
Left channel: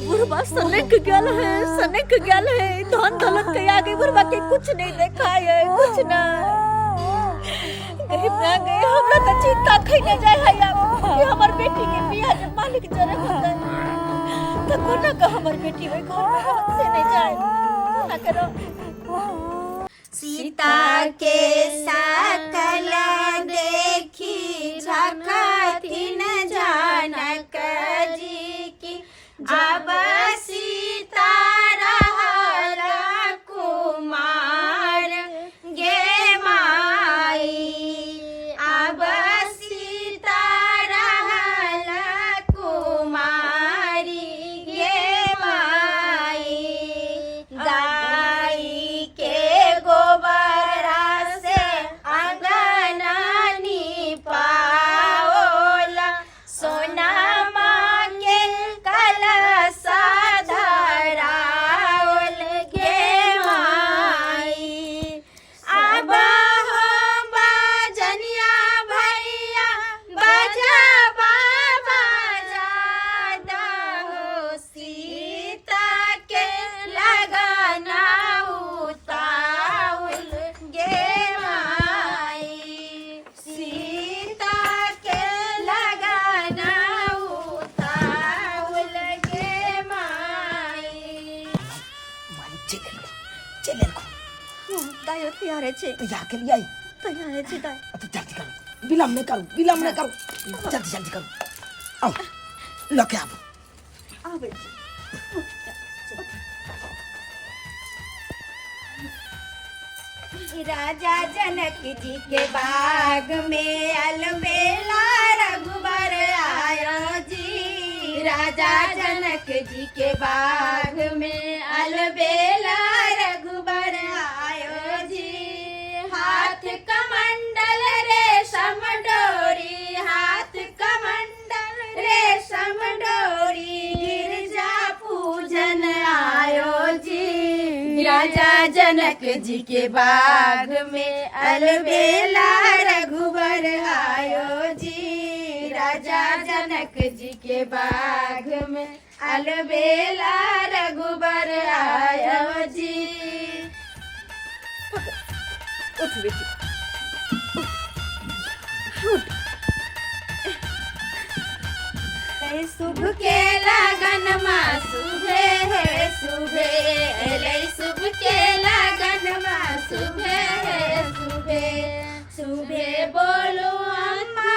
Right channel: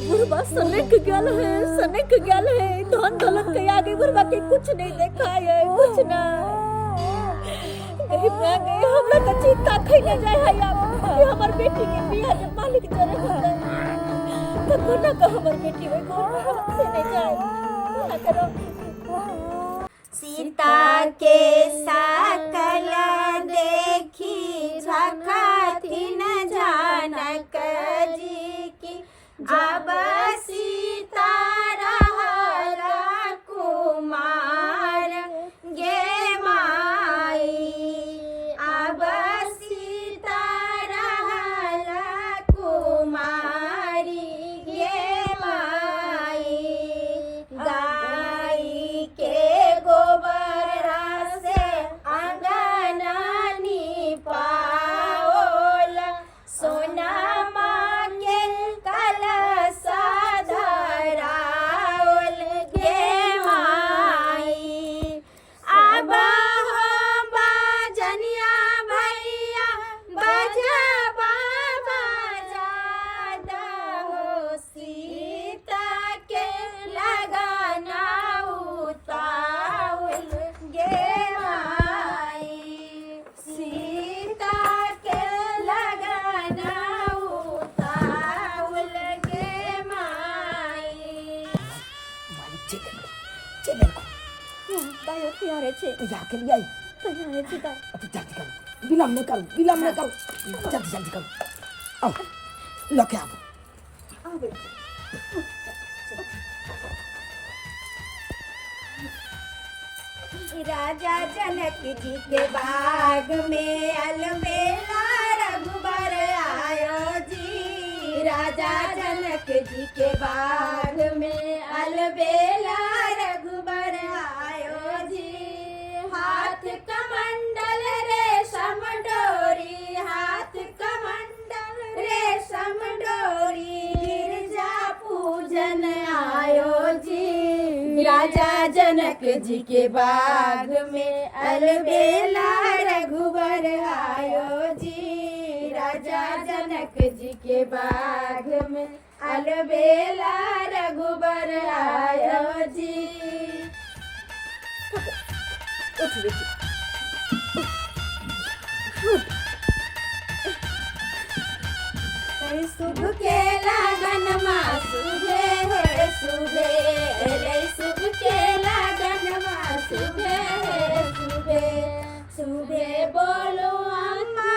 बुढ़वा सनक गल है धन दौलत के आगे बुढ़वा के कुछ नहीं देखा है कुछ ना गरीब ना गए। हमरा तो चिंता खइने जाय है कि हमर बेटी के बियाह जब मालिक जरे होता तो कोना का हमर बेटी ओई घर में रहत से नहीं जाए कोना करो। सीता के सकल देखी झखथिन जानक जी की अब सीता रहल कुमार गे माई। अब सीता रहल कुमारी गे माई। गाई के गोबर से अंगन निपाओल सोना के कलश धराओल गे माई। अब हो बाजनिया भैया बजाबा बजा दहो सीता के लगना उताउल गे माई। सीता के लगना उताउल गे माई। मालिक चले दायो तैयार छे तो या के लिए आई तैयार छे दाई। अब तो जल्दी करो। विलम्ब नहीं करो जल्दी करो। आओ लके आओ। आवे राजा जनक जी के बाग में अलबेला रघुबर आयो जी। राजा जनक जी के बाग में अलबेला रघुबर आयो जी। हाथ कमंडल रेशम डोरी हाथ कमंडल रेशम डोरी गिरजा पूजन आयो जी। राजा जनक जी के बाग में अलबेला रघुबर आयो जी। राजा जनक जी के बाग में अलबेला रघुबर आयो जी। उठ बेटी शुभ के लगन माँ सुबे है सुबे ले शुभ के लगन माँ सुबे है सुबे सुबे बोलो अम्मा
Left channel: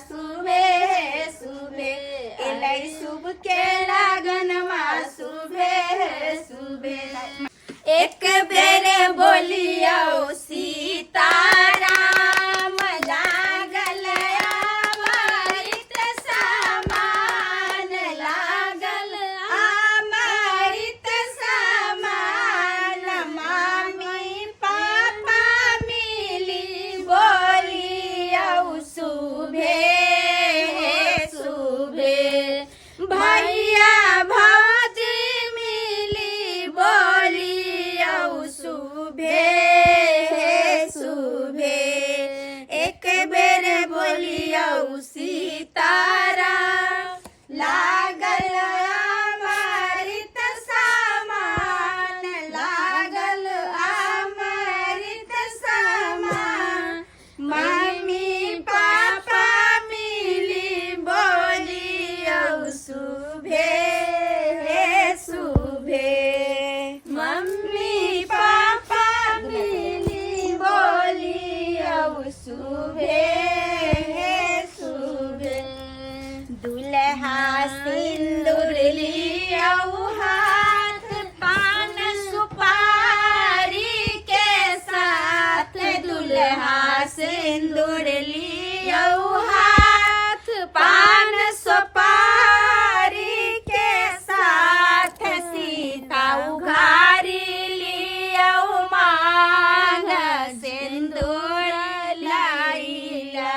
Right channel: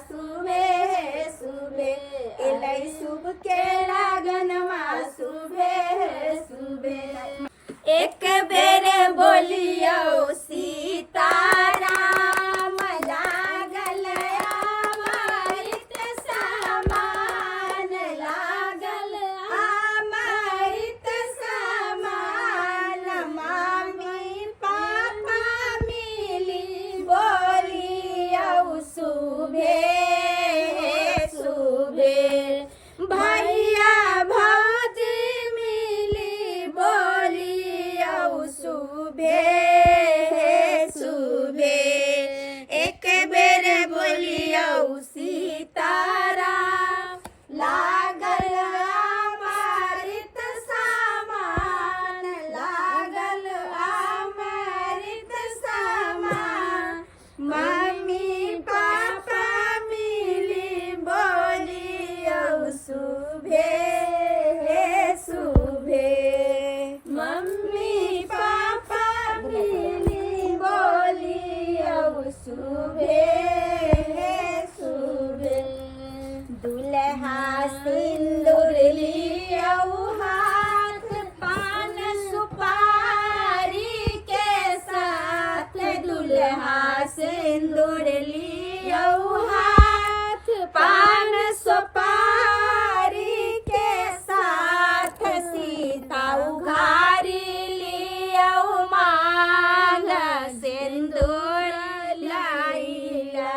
सुबे सुबे एलै शुभ के लागन माँ सुबे सुबे एक बेरे बोलियो सीताराम लागल अमृत समान लागल अमृत समान मम्मी पापा मिली बोलियो सुबे सुबे भैया भाजी मिली बोलियो सुबे सुबे एक बेर बोलियो सीताराम लागल अमृत समान लागल अमृत समान मम्मी पापा मिली बोलियो सुबे सुबे मम्मी पापा मिली बोलियो सुबे सुबे दुल्हा सिंदूर लियो हाथ पान सुपारी के साथ दुल्हा सिंदूर लियो हाथ पान सुपारी के साथ सीता उघारी लियो मांग सिंदूर लाइला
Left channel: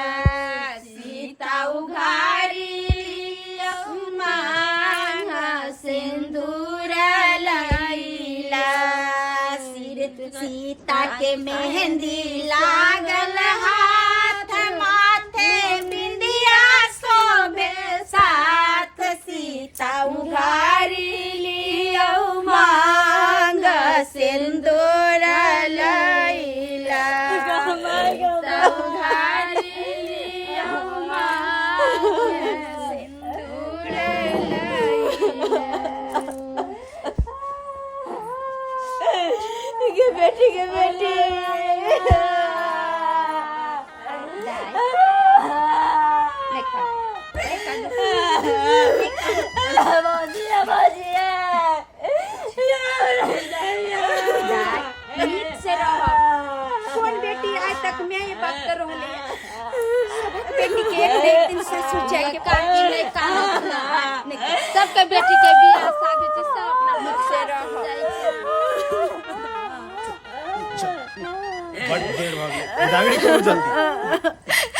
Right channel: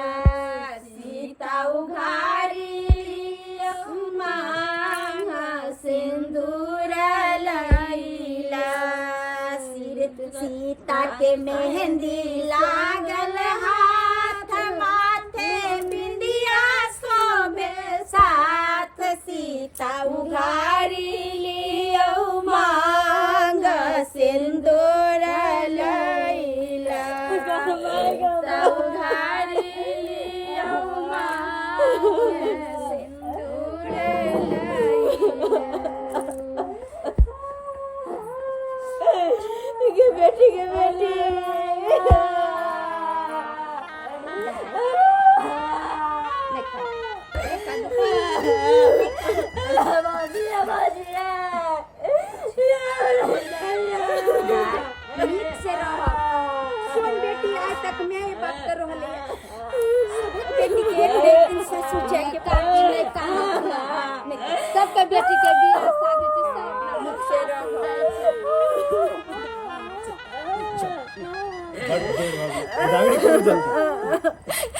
सीता उघारी लियो मांग सिंदूर लाइला सीता के मेहंदी लागल हाथ माथे बिंदिया शोभे साथ सीता उघारी लियो मांग सिंदूर लैला सीता उघारी लियो मांग सिंदूर लैला बेटी के बेटी नीक से रहो कौन बेटी आज तक मैं ये बात कर रहले बेटी के एक दिन से सोचे के सबके बेटी के बियाह शादी से सब अपना मुख से रहो बड़ देर हो गई दागड़ी क्यों जल्दी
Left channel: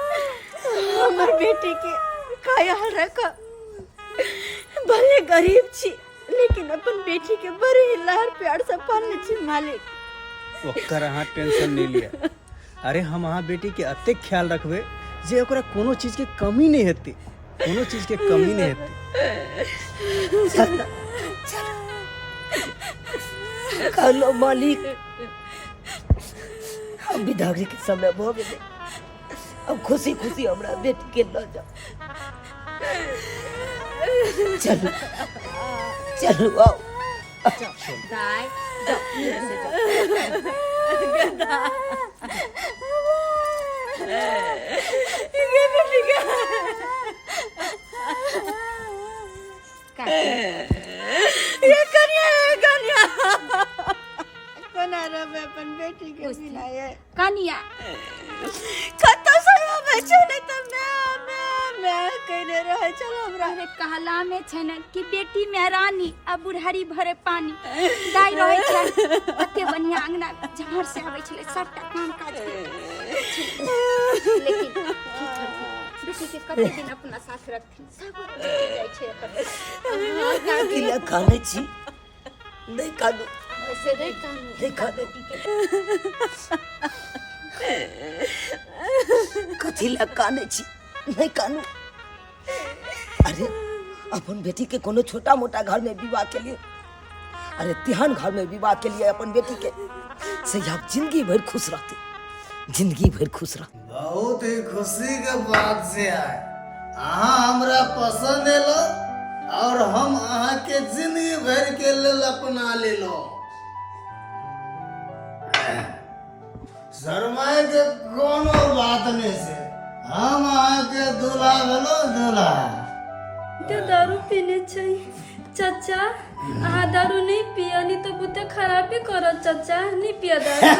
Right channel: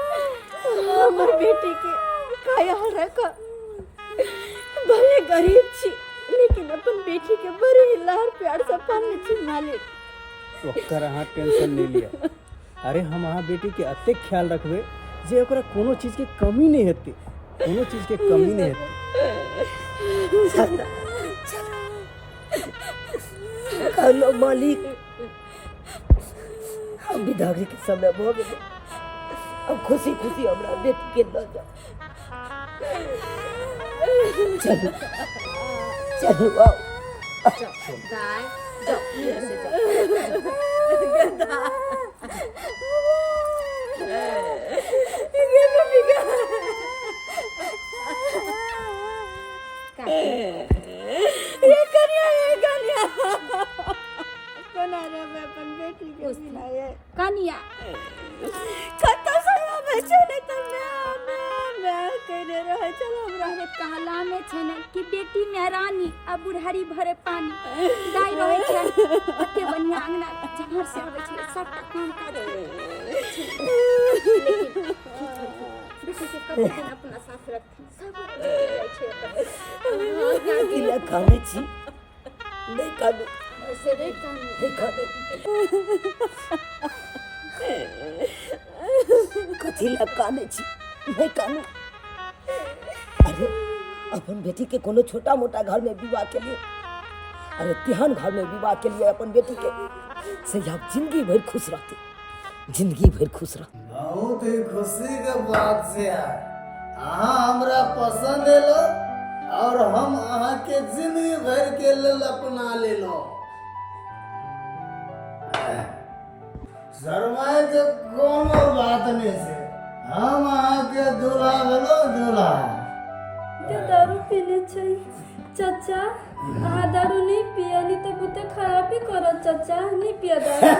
हमर बेटी के ख्याल रख भले गरीब छी लेकिन अपन बेटी के बड़े लाड़ प्यार से पालने छी मालिक ओकर अहाँ टेंशन नहीं लिया अरे हम अहाँ बेटी के अत्ते ख्याल रखबे जे ओकरा कोनो चीज के कमी नहीं हेतै कोनो चीज के कमी नहीं हेतै कहलो मालिक हम विदागरी के समय भ गेले। अब खुशी खुशी हमरा बेटी के ल जाओ। चलो चलो आओ। दाई जाओ नीचे से जाओ। ये कन्या कोना रे मैं अपन बेटी के मिलाए कनिया कत्तो समय में चले त मैं कहने रहे चलो हमरा अरे कहला में छै न कि बेटी में रानी आ बुढ़ारी भरे पानी दाई रहे छै ओते बढ़िया अंगना जहर से आवे छले सबटा काम काज लेकिन बेटी के कते दिन अपना साथ रखथिन सब जाय छै अपन किला खाने छी नहीं कादू ऐसे नहीं कानू देखा बेटी के कथिला काने छी नहीं कानू। अरे अपन बेटी के कोनो छोटा मोटा घर में विवाह के लिए, अरे तिहान घर में विवाह के लिए अपन बेटी के से आप जिंदगी भर खुश रहते, जिंदगी भर खुश रहते। बहुत ही खुशी के बात से है। अहाँ हमरा पसंद एलो और हम अहाँ के जिंदगी भर के लेल अपना लेलो। शर्माए के कोनो बात नहीं से, हम अहाँ के दूल्हा भेलो दूल्हा। दारू पीने चाहिए चाचा। अहाँ दारू नहीं पिया नहीं तो बुते खराबी करत चाचा। नहीं पिया दारू।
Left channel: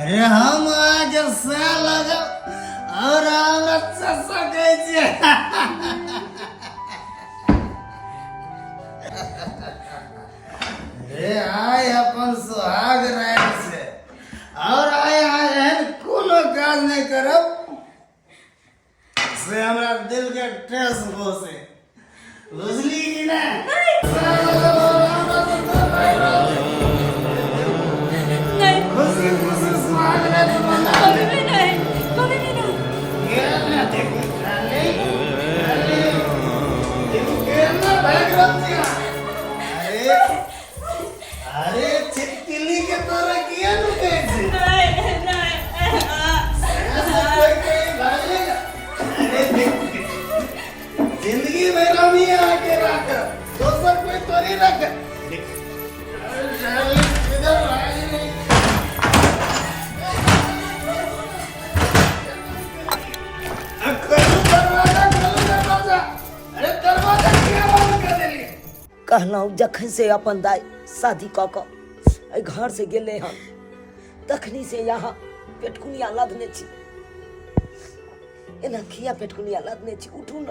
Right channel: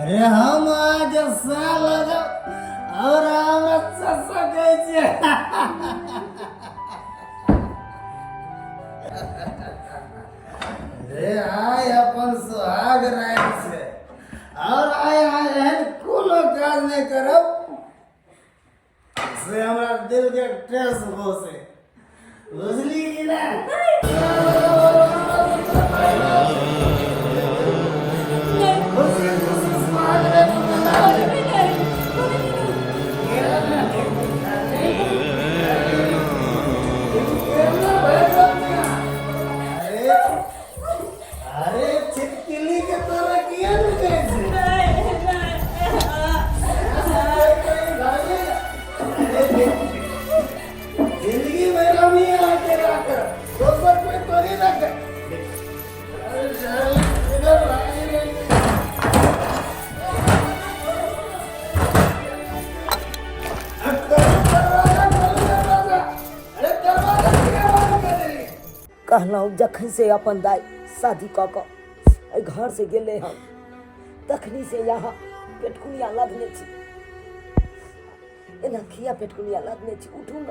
अरे हम अहाँ के से लगो और हम अच्छा सके छी। अरे आय अपन सुहाग रात से और आय एहन कोनो काज नहीं करब से हमरा दिल के ठेस पहुंचे, बुझली कि ना? खुशी खुशी सुहाग रात मनाओ। ये ना देख खाली केना भगवतिया। अरे छिटकिली के तोरा किया न कैसे? जिंदगी में रमी आके रख, दोसर कोई तोरी रख। इधर आगे नहीं। दरवाजा। अरे दरवाजा किया बंद कर देली? कहलहुँ जखन से अपन दाई शादी कऽ कऽ एहि घर से गेले हम तखनी से यहाँ पेटकुनिया लदने छी, एना खिया पेटकुनिया लदने छी। उठू न,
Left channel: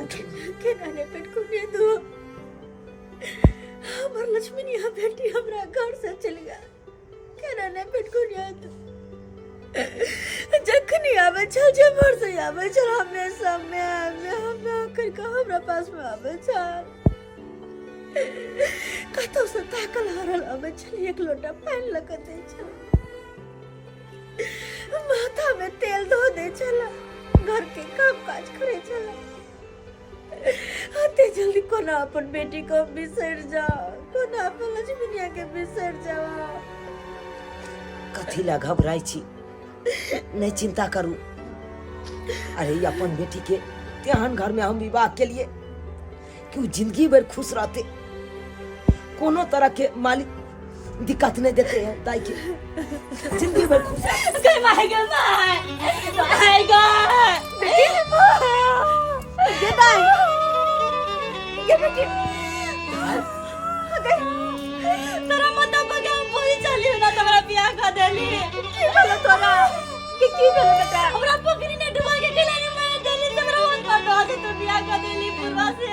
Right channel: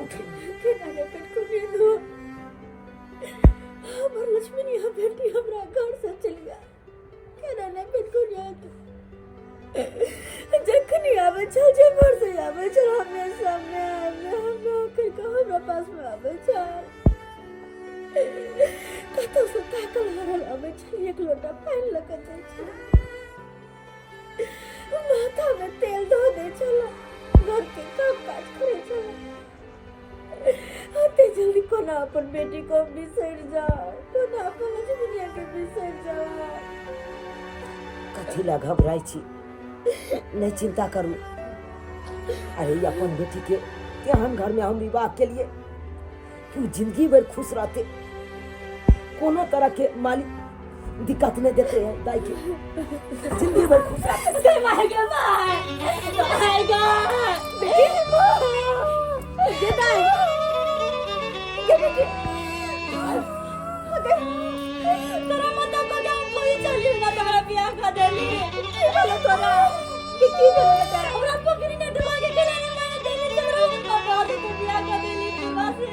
उठू। केना रे पेटकुनिया दो हमर लक्ष्मणिया बेटी हमरा घर से चल गया। केना ने पेटकुनिया दो जखनी आवे छल जमर से आवे छल हमेशा में ओकर का हमरा पास में आवे छल। कतौ से ताकल हरल आवे छल, एक लोटा पानी लगा दे छल, माथा में तेल धो दे छल, घर के काम काज करे छल। आते जल्दी कोना अपन बेटी को बिसर जाओ, कोना अपन लक्ष्मणिया के बिसर जाओ। कथिला घबराई छी, नहीं चिंता करू। अरे अपन बेटी के तेहन घर में हम विवाह के लिए कि जिंदगी भर खुश रहते, कोनो तरह के मालिक दिक्कत नहीं देते हैं दाई के, जिंदगी भर खुश रहते। तोरा मतलब को हम पूरी चली ना तोरा बियाह कर देली। की बोलो तोरा की बोलो बेटा? हमरा पकड़ी ने डुबा के दिलाने माने देली तोरा मन का दे तो बियाह कर देली पूर्वा से।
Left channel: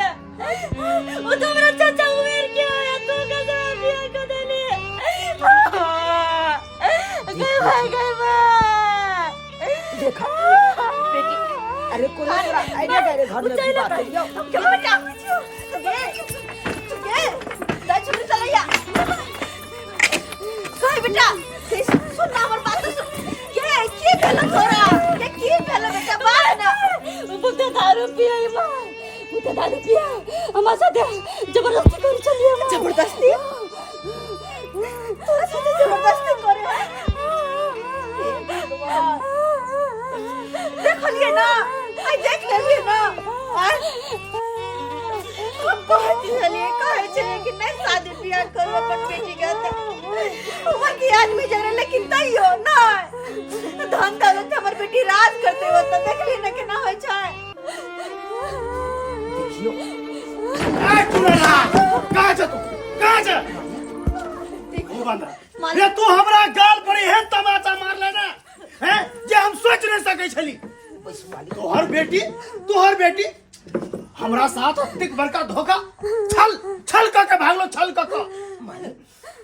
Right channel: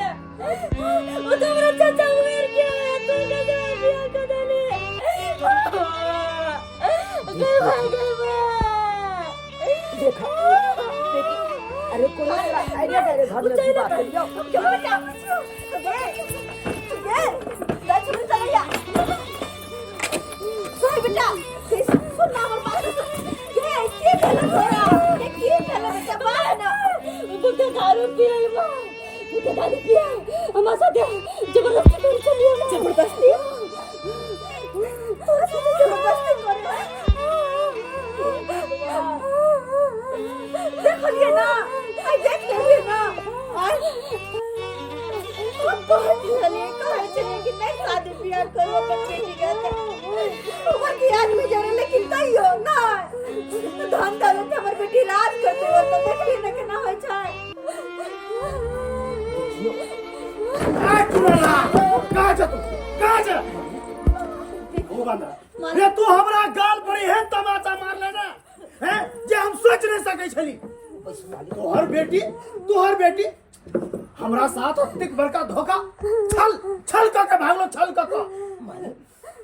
वो तो हमरा चाचा उमेर के है, तू के बियाह कर देली। गई भाई गई देखा बेटी, अरे कोनो तरह आइना तेरे घर में विवाह कर लियो। क्या बेटा बेटा सुन हमर बात सुन। ये की भेल तोरा? ये की भेल बेटा? बाहर ना बुते दारू पिए मां, बुते दारू पिए हमरा साथे जबरदस्ती कर चलिए। जबरदस्ती? तोरा साथे जबरदस्ती कहे छलिए कि नहीं शादी ब्याह करू अपन बेटी के उम्र की आदमी जरे लेकिन तइयो ना धन दौलत हमर बेटी राज करते हो तो देख ली ना केना होय छै। देखियो कहाँ जा तू कहाँ जा ओ बंदरा रे तू हमरा गाल पर एहन तमाचा मार लेना हैं जे हम सोच नहीं सकै छली। तोहर बेटी हमरा साथ अतिक बड़का धोखा छल छल के भागलो छल के मालिक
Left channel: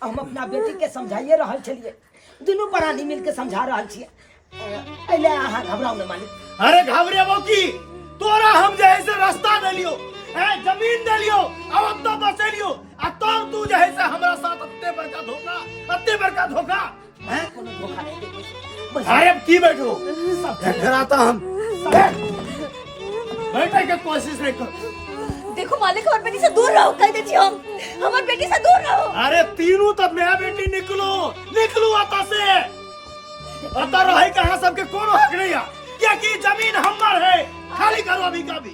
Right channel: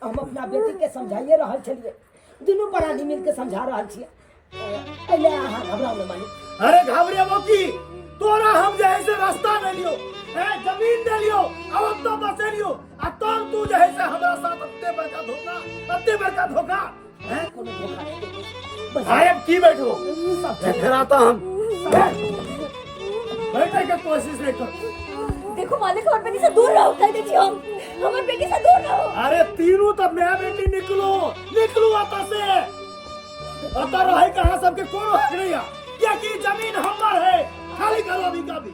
हम अपना बेटी के समझाइए रहल छलिए दुनू प्राणी मिल के समझा रहल छिए पहले अहाँ घबराओ न मालिक। अरे घबरेबो की तोरा हम जे है से रास्ता दे लियो है जमीन दे लियो अब तो बसे लियो आ तब तू जे है से हमरा साथ अत्ते बड़का धोखा हैं कोनो धोखा नहीं देते अरे अब की बैठो सब ठहराता हम बैठे के कोशिश नहीं कर। देखो मालिक हमर बेटी से दूर रहो कह दे छी हम हमर बेटी से दूर रहो। अरे तीनों तब मैं बेटी निकलू आता से अता रहे कहां सबके कोनो हक नहीं है क्या की जमीन हमर है खाली करो अभी का भी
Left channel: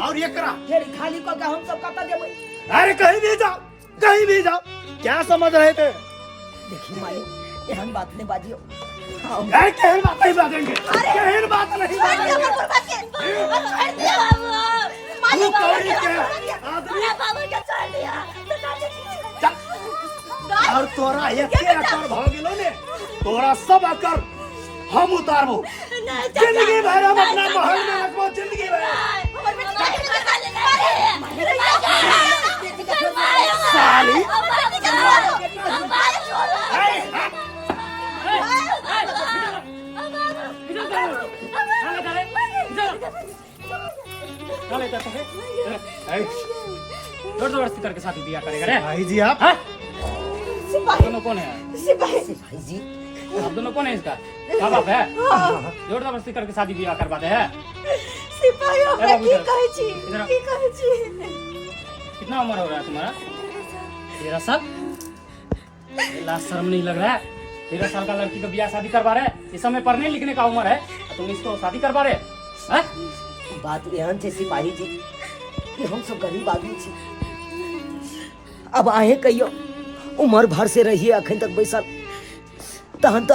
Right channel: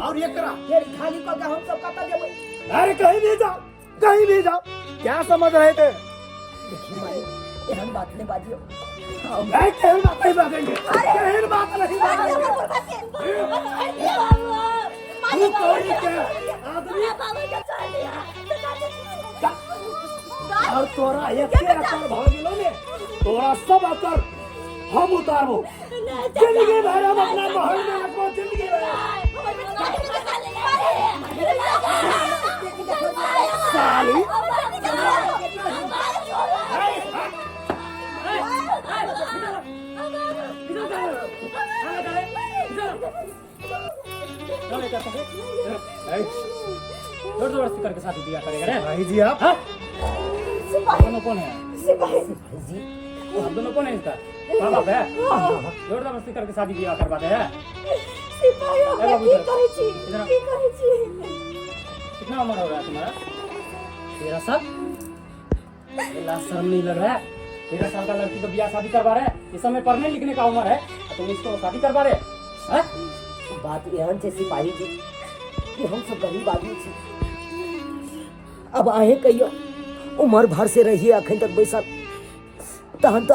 और ये करा फिर खाली को हम सब कता देबै। अरे कहीं भी जाओ क्या समझ रहे थे। देखिए मालिक एहन बात नहीं बाजियो अरे कहन बात नहीं बाजेंगे कहन बात नहीं बाजेंगे तू कौड़ी के आदमी और तोरा एके अकर भ गेलो ने तोरा सब अकर हम उतारबो जिंदगी भर हम अपना महल में रखबो जिंदगी भर साली जबरदस्ती करके शादी ब्याह करेगा रे भाई जी आप आप दोनों कौन है भाई जी आप दोनों कौन है इसका क्या बाप है जबरदस्ती करके शादी ब्याह करवाते हैं सिपाही हमरा की कहै छी कितना उम्र हो रहा है तुम्हारा 13 साल लाज शर्म नहीं लग रहा है 13 साल का लड़की को ब्याह शादी करवा रहे इस समय पढ़ने लिखने का उम्र है तुम इसको शादी करवा रहे हैं। बात एहन छै सिपाही जी कि हम सब गरीब आदमी छी अब आहे कहियो उम्र भर से रहिए अखन तक बैसल तहन तो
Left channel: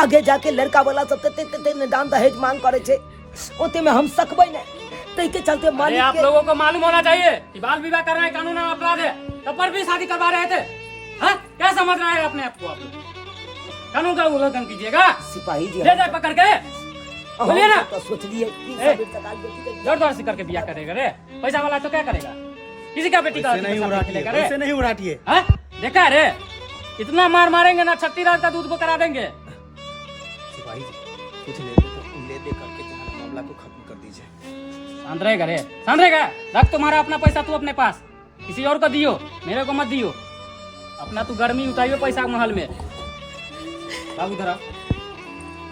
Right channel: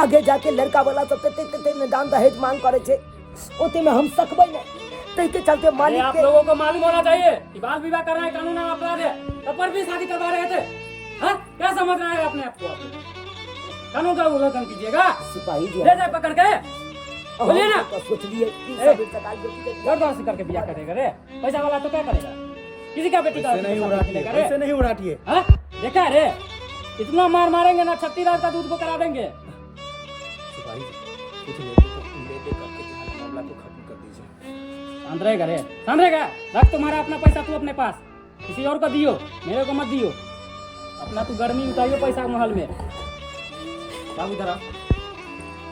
आगे जाके लड़का वाला सब ते दान दहेज मांग करे छे ओते में हम सकबै नहीं तै के चलते अरे मालिक आप लोगों को मालूम होना चाहिए कि बाल विवाह करना है कानून में अपराध है तब पर भी शादी करवा रहे थे। हाँ क्या समझ रहे हैं अपने आप को आप कानून का उल्लंघन कीजिएगा सिपाही जी ले जाए पकड़ के बोलिए ना तो सोच लिए जबरदस्ती करके ब्याह करेगा रे पैसा वाला तो क्या करेगा किसी का बेटी का ऐसे नहीं उड़ाटिए हाँ? देखा है रे इतना मार मारेंगे ना 36 रात का दूध को करा देंगे। सिपाही जी कुछ ले दे करके मामला को खत्म कर दीजिए। शांत रहेगा रख तुम्हारा अपना पैसा तू अपने पास किसी और को दियो मेरे को मत दियो अपना तू गर्मी उतारियो पैसा महल में। बाबू धरा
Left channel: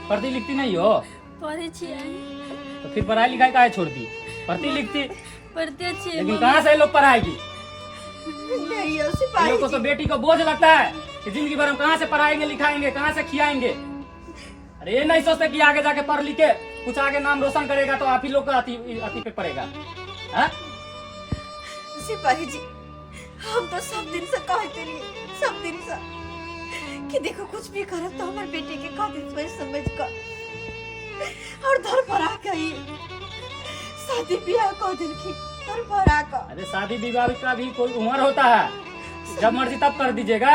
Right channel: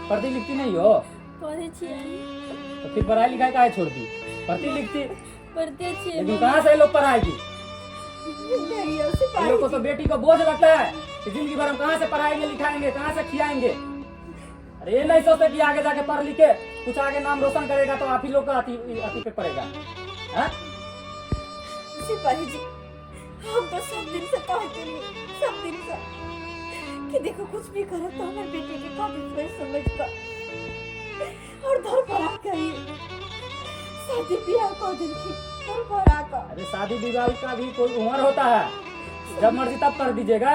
पढ़ती लिखती नहीं हो पढ़े छियै तो फिर पढ़ाई लिखाई काहे छोड़ दी पढ़ती लिखती पढ़ते छियै लेकिन कहाँ से लोग पढ़ाएगी नहीं सिपाही लोगों को तो बेटी को बोझ लगता है कि जिंदगी भर हम कहाँ से पढ़ाएंगे लिखाएंगे कहाँ से खिलाएंगे। अरे ये नहीं सोचते कि आगे जाके पढ़ लिख के कुछ आगे नाम रोशन करेगा तो आप ही लोग का अति पे पड़ेगा। सिपाही जी हम तो सब दिन से कहते नहीं सब दिन से कि देखो कुछ भी करो तो हमारे बेटे के काबिल समझ कर और घर पर आकर शादी ब्याह को दिन की घर पर आकर। अरे शादी विवाह का भी कोई उम्र होता है जब मर्जी तब कर दीजिएगा।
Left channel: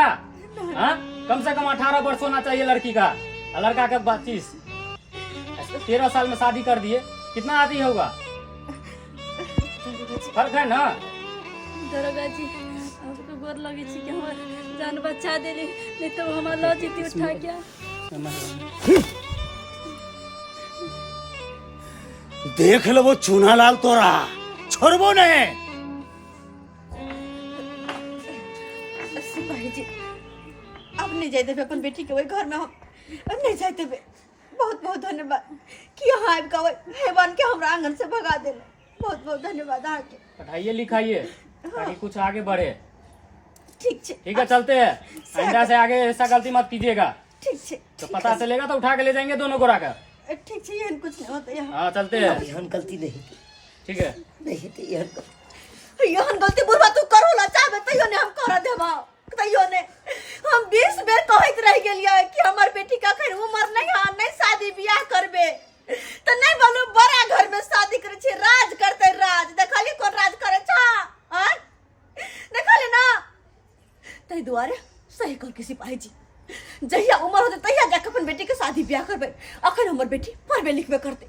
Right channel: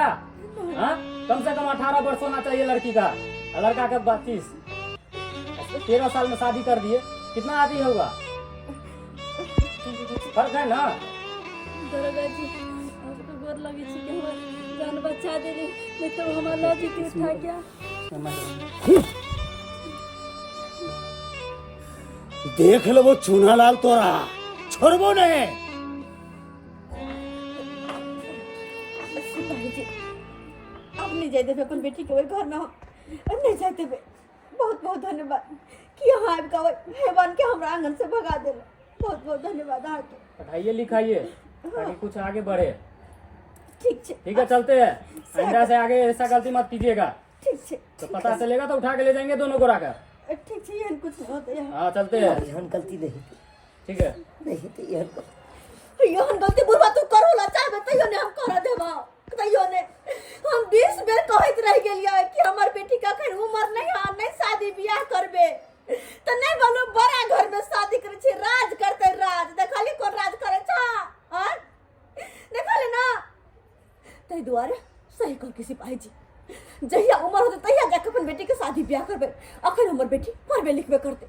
हाँ कम से कम 18 वर्ष होना चाहिए लड़की का और लड़का का 25। 13 साल में शादी कर दिए कितना आदि होगा फर्क है ना। दरोगा जी आपको गोर लगे छी कि हमर जान बचा देली नहीं तो हमर लो जीती उठा क्या देख लो वो चूना लाल तोरा छोड़बो नहीं। सिपाही जी अब नहीं जाते थे अपन बेटी के वही घर में हम नहीं जाते थे। बहुत बहुत धन्यवाद कि यहाँ आबि के हेवन के हमरा आंगन से भगा देले। बहुत बहुत धन्यवाद अहाँ के। पढ़ाइए लिखाइए ताकि कुछ आगे बढ़े। ठीक है चलते हैं आइंदा से आगे ऐसा गलती मत कीजिएगा। ठीक है तो पता चलेगा तो उठा के ले जाएंगे दोनों को राकर। ठीक है ये कुछ नहीं होता यहाँ। हाँ चलते हैं यहन गलती नहीं ठीक है नहीं तो यहन गलती बुढ़वा देवा तैयो ने हम 20 बेर कहत रह गेलिए कि हमर बेटी का खैर उम्र नहीं है, नहीं शादी बियाह करबे तो नहीं बोलू बड़ा घर में शादी करे छी, राज करते राज देखली कोन राज करे छा हां देखली ना तै दुआरे सही कर के सिपाही जी जहिया उम्र होते तहिया जाके अपन बेटी के शादी ब्याह करबे। अखन हमर बेटी पढ़बे लिखबे करते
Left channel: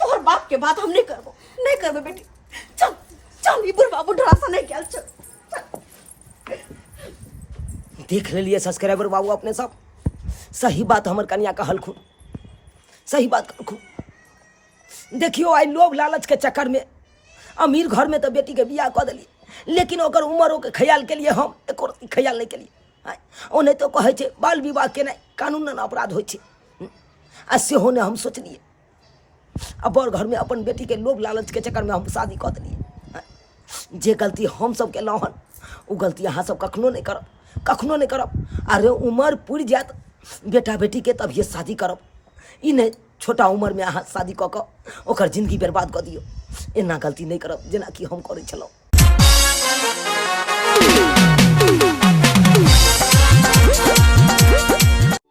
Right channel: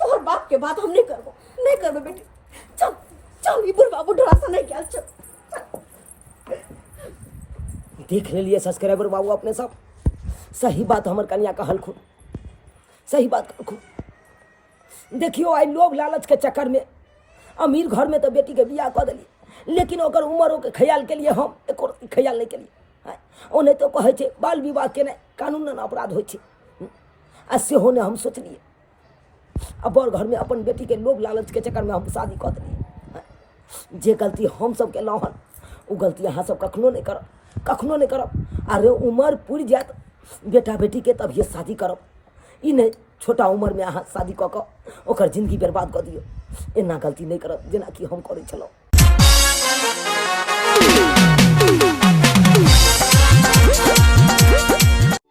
तोहर बाप के बात हम नहीं करबे बेटी। चल चल ई बुढ़वा बुढ़वा से नहीं गेल चल। देख लिए सब्सक्राइबर बाबू अपने सब सही बात हमर कन्या कहलखुन, सही बात कहलखुन। देखियो आई लोभ लालच के चक्कर में अमीर घर में तो बेटी के बियाह कऽ देलिए, लेकिन ओकर उम्र के ख्याल के लिए हम एको रत्ती ख्याल नहीं केलिए। ओ नहीं तो कहे छे बाल विवाह केनाइ कानूनन अपराध होइ छे, आ सेहो ने हम सोचलिए आ बड़ घर में अपन बेटी के लोभ लालच के चक्कर में हम शादी कऽ देलिए। जे गलती हम सब केलहुँ हन ओ गलती अहाँ सब कखनो नहीं करब, कखनो नहीं करब। अरे उम्र पुरि जायत बेटा बेटी के तभिए शादी करब, ई नहीं छोटा उम्र में अहाँ शादी कऽ कऽ ओकर जिंदगी बर्बाद कऽ दियौ। एना गलती नहीं करब जेना कि हम करै छलहुँ।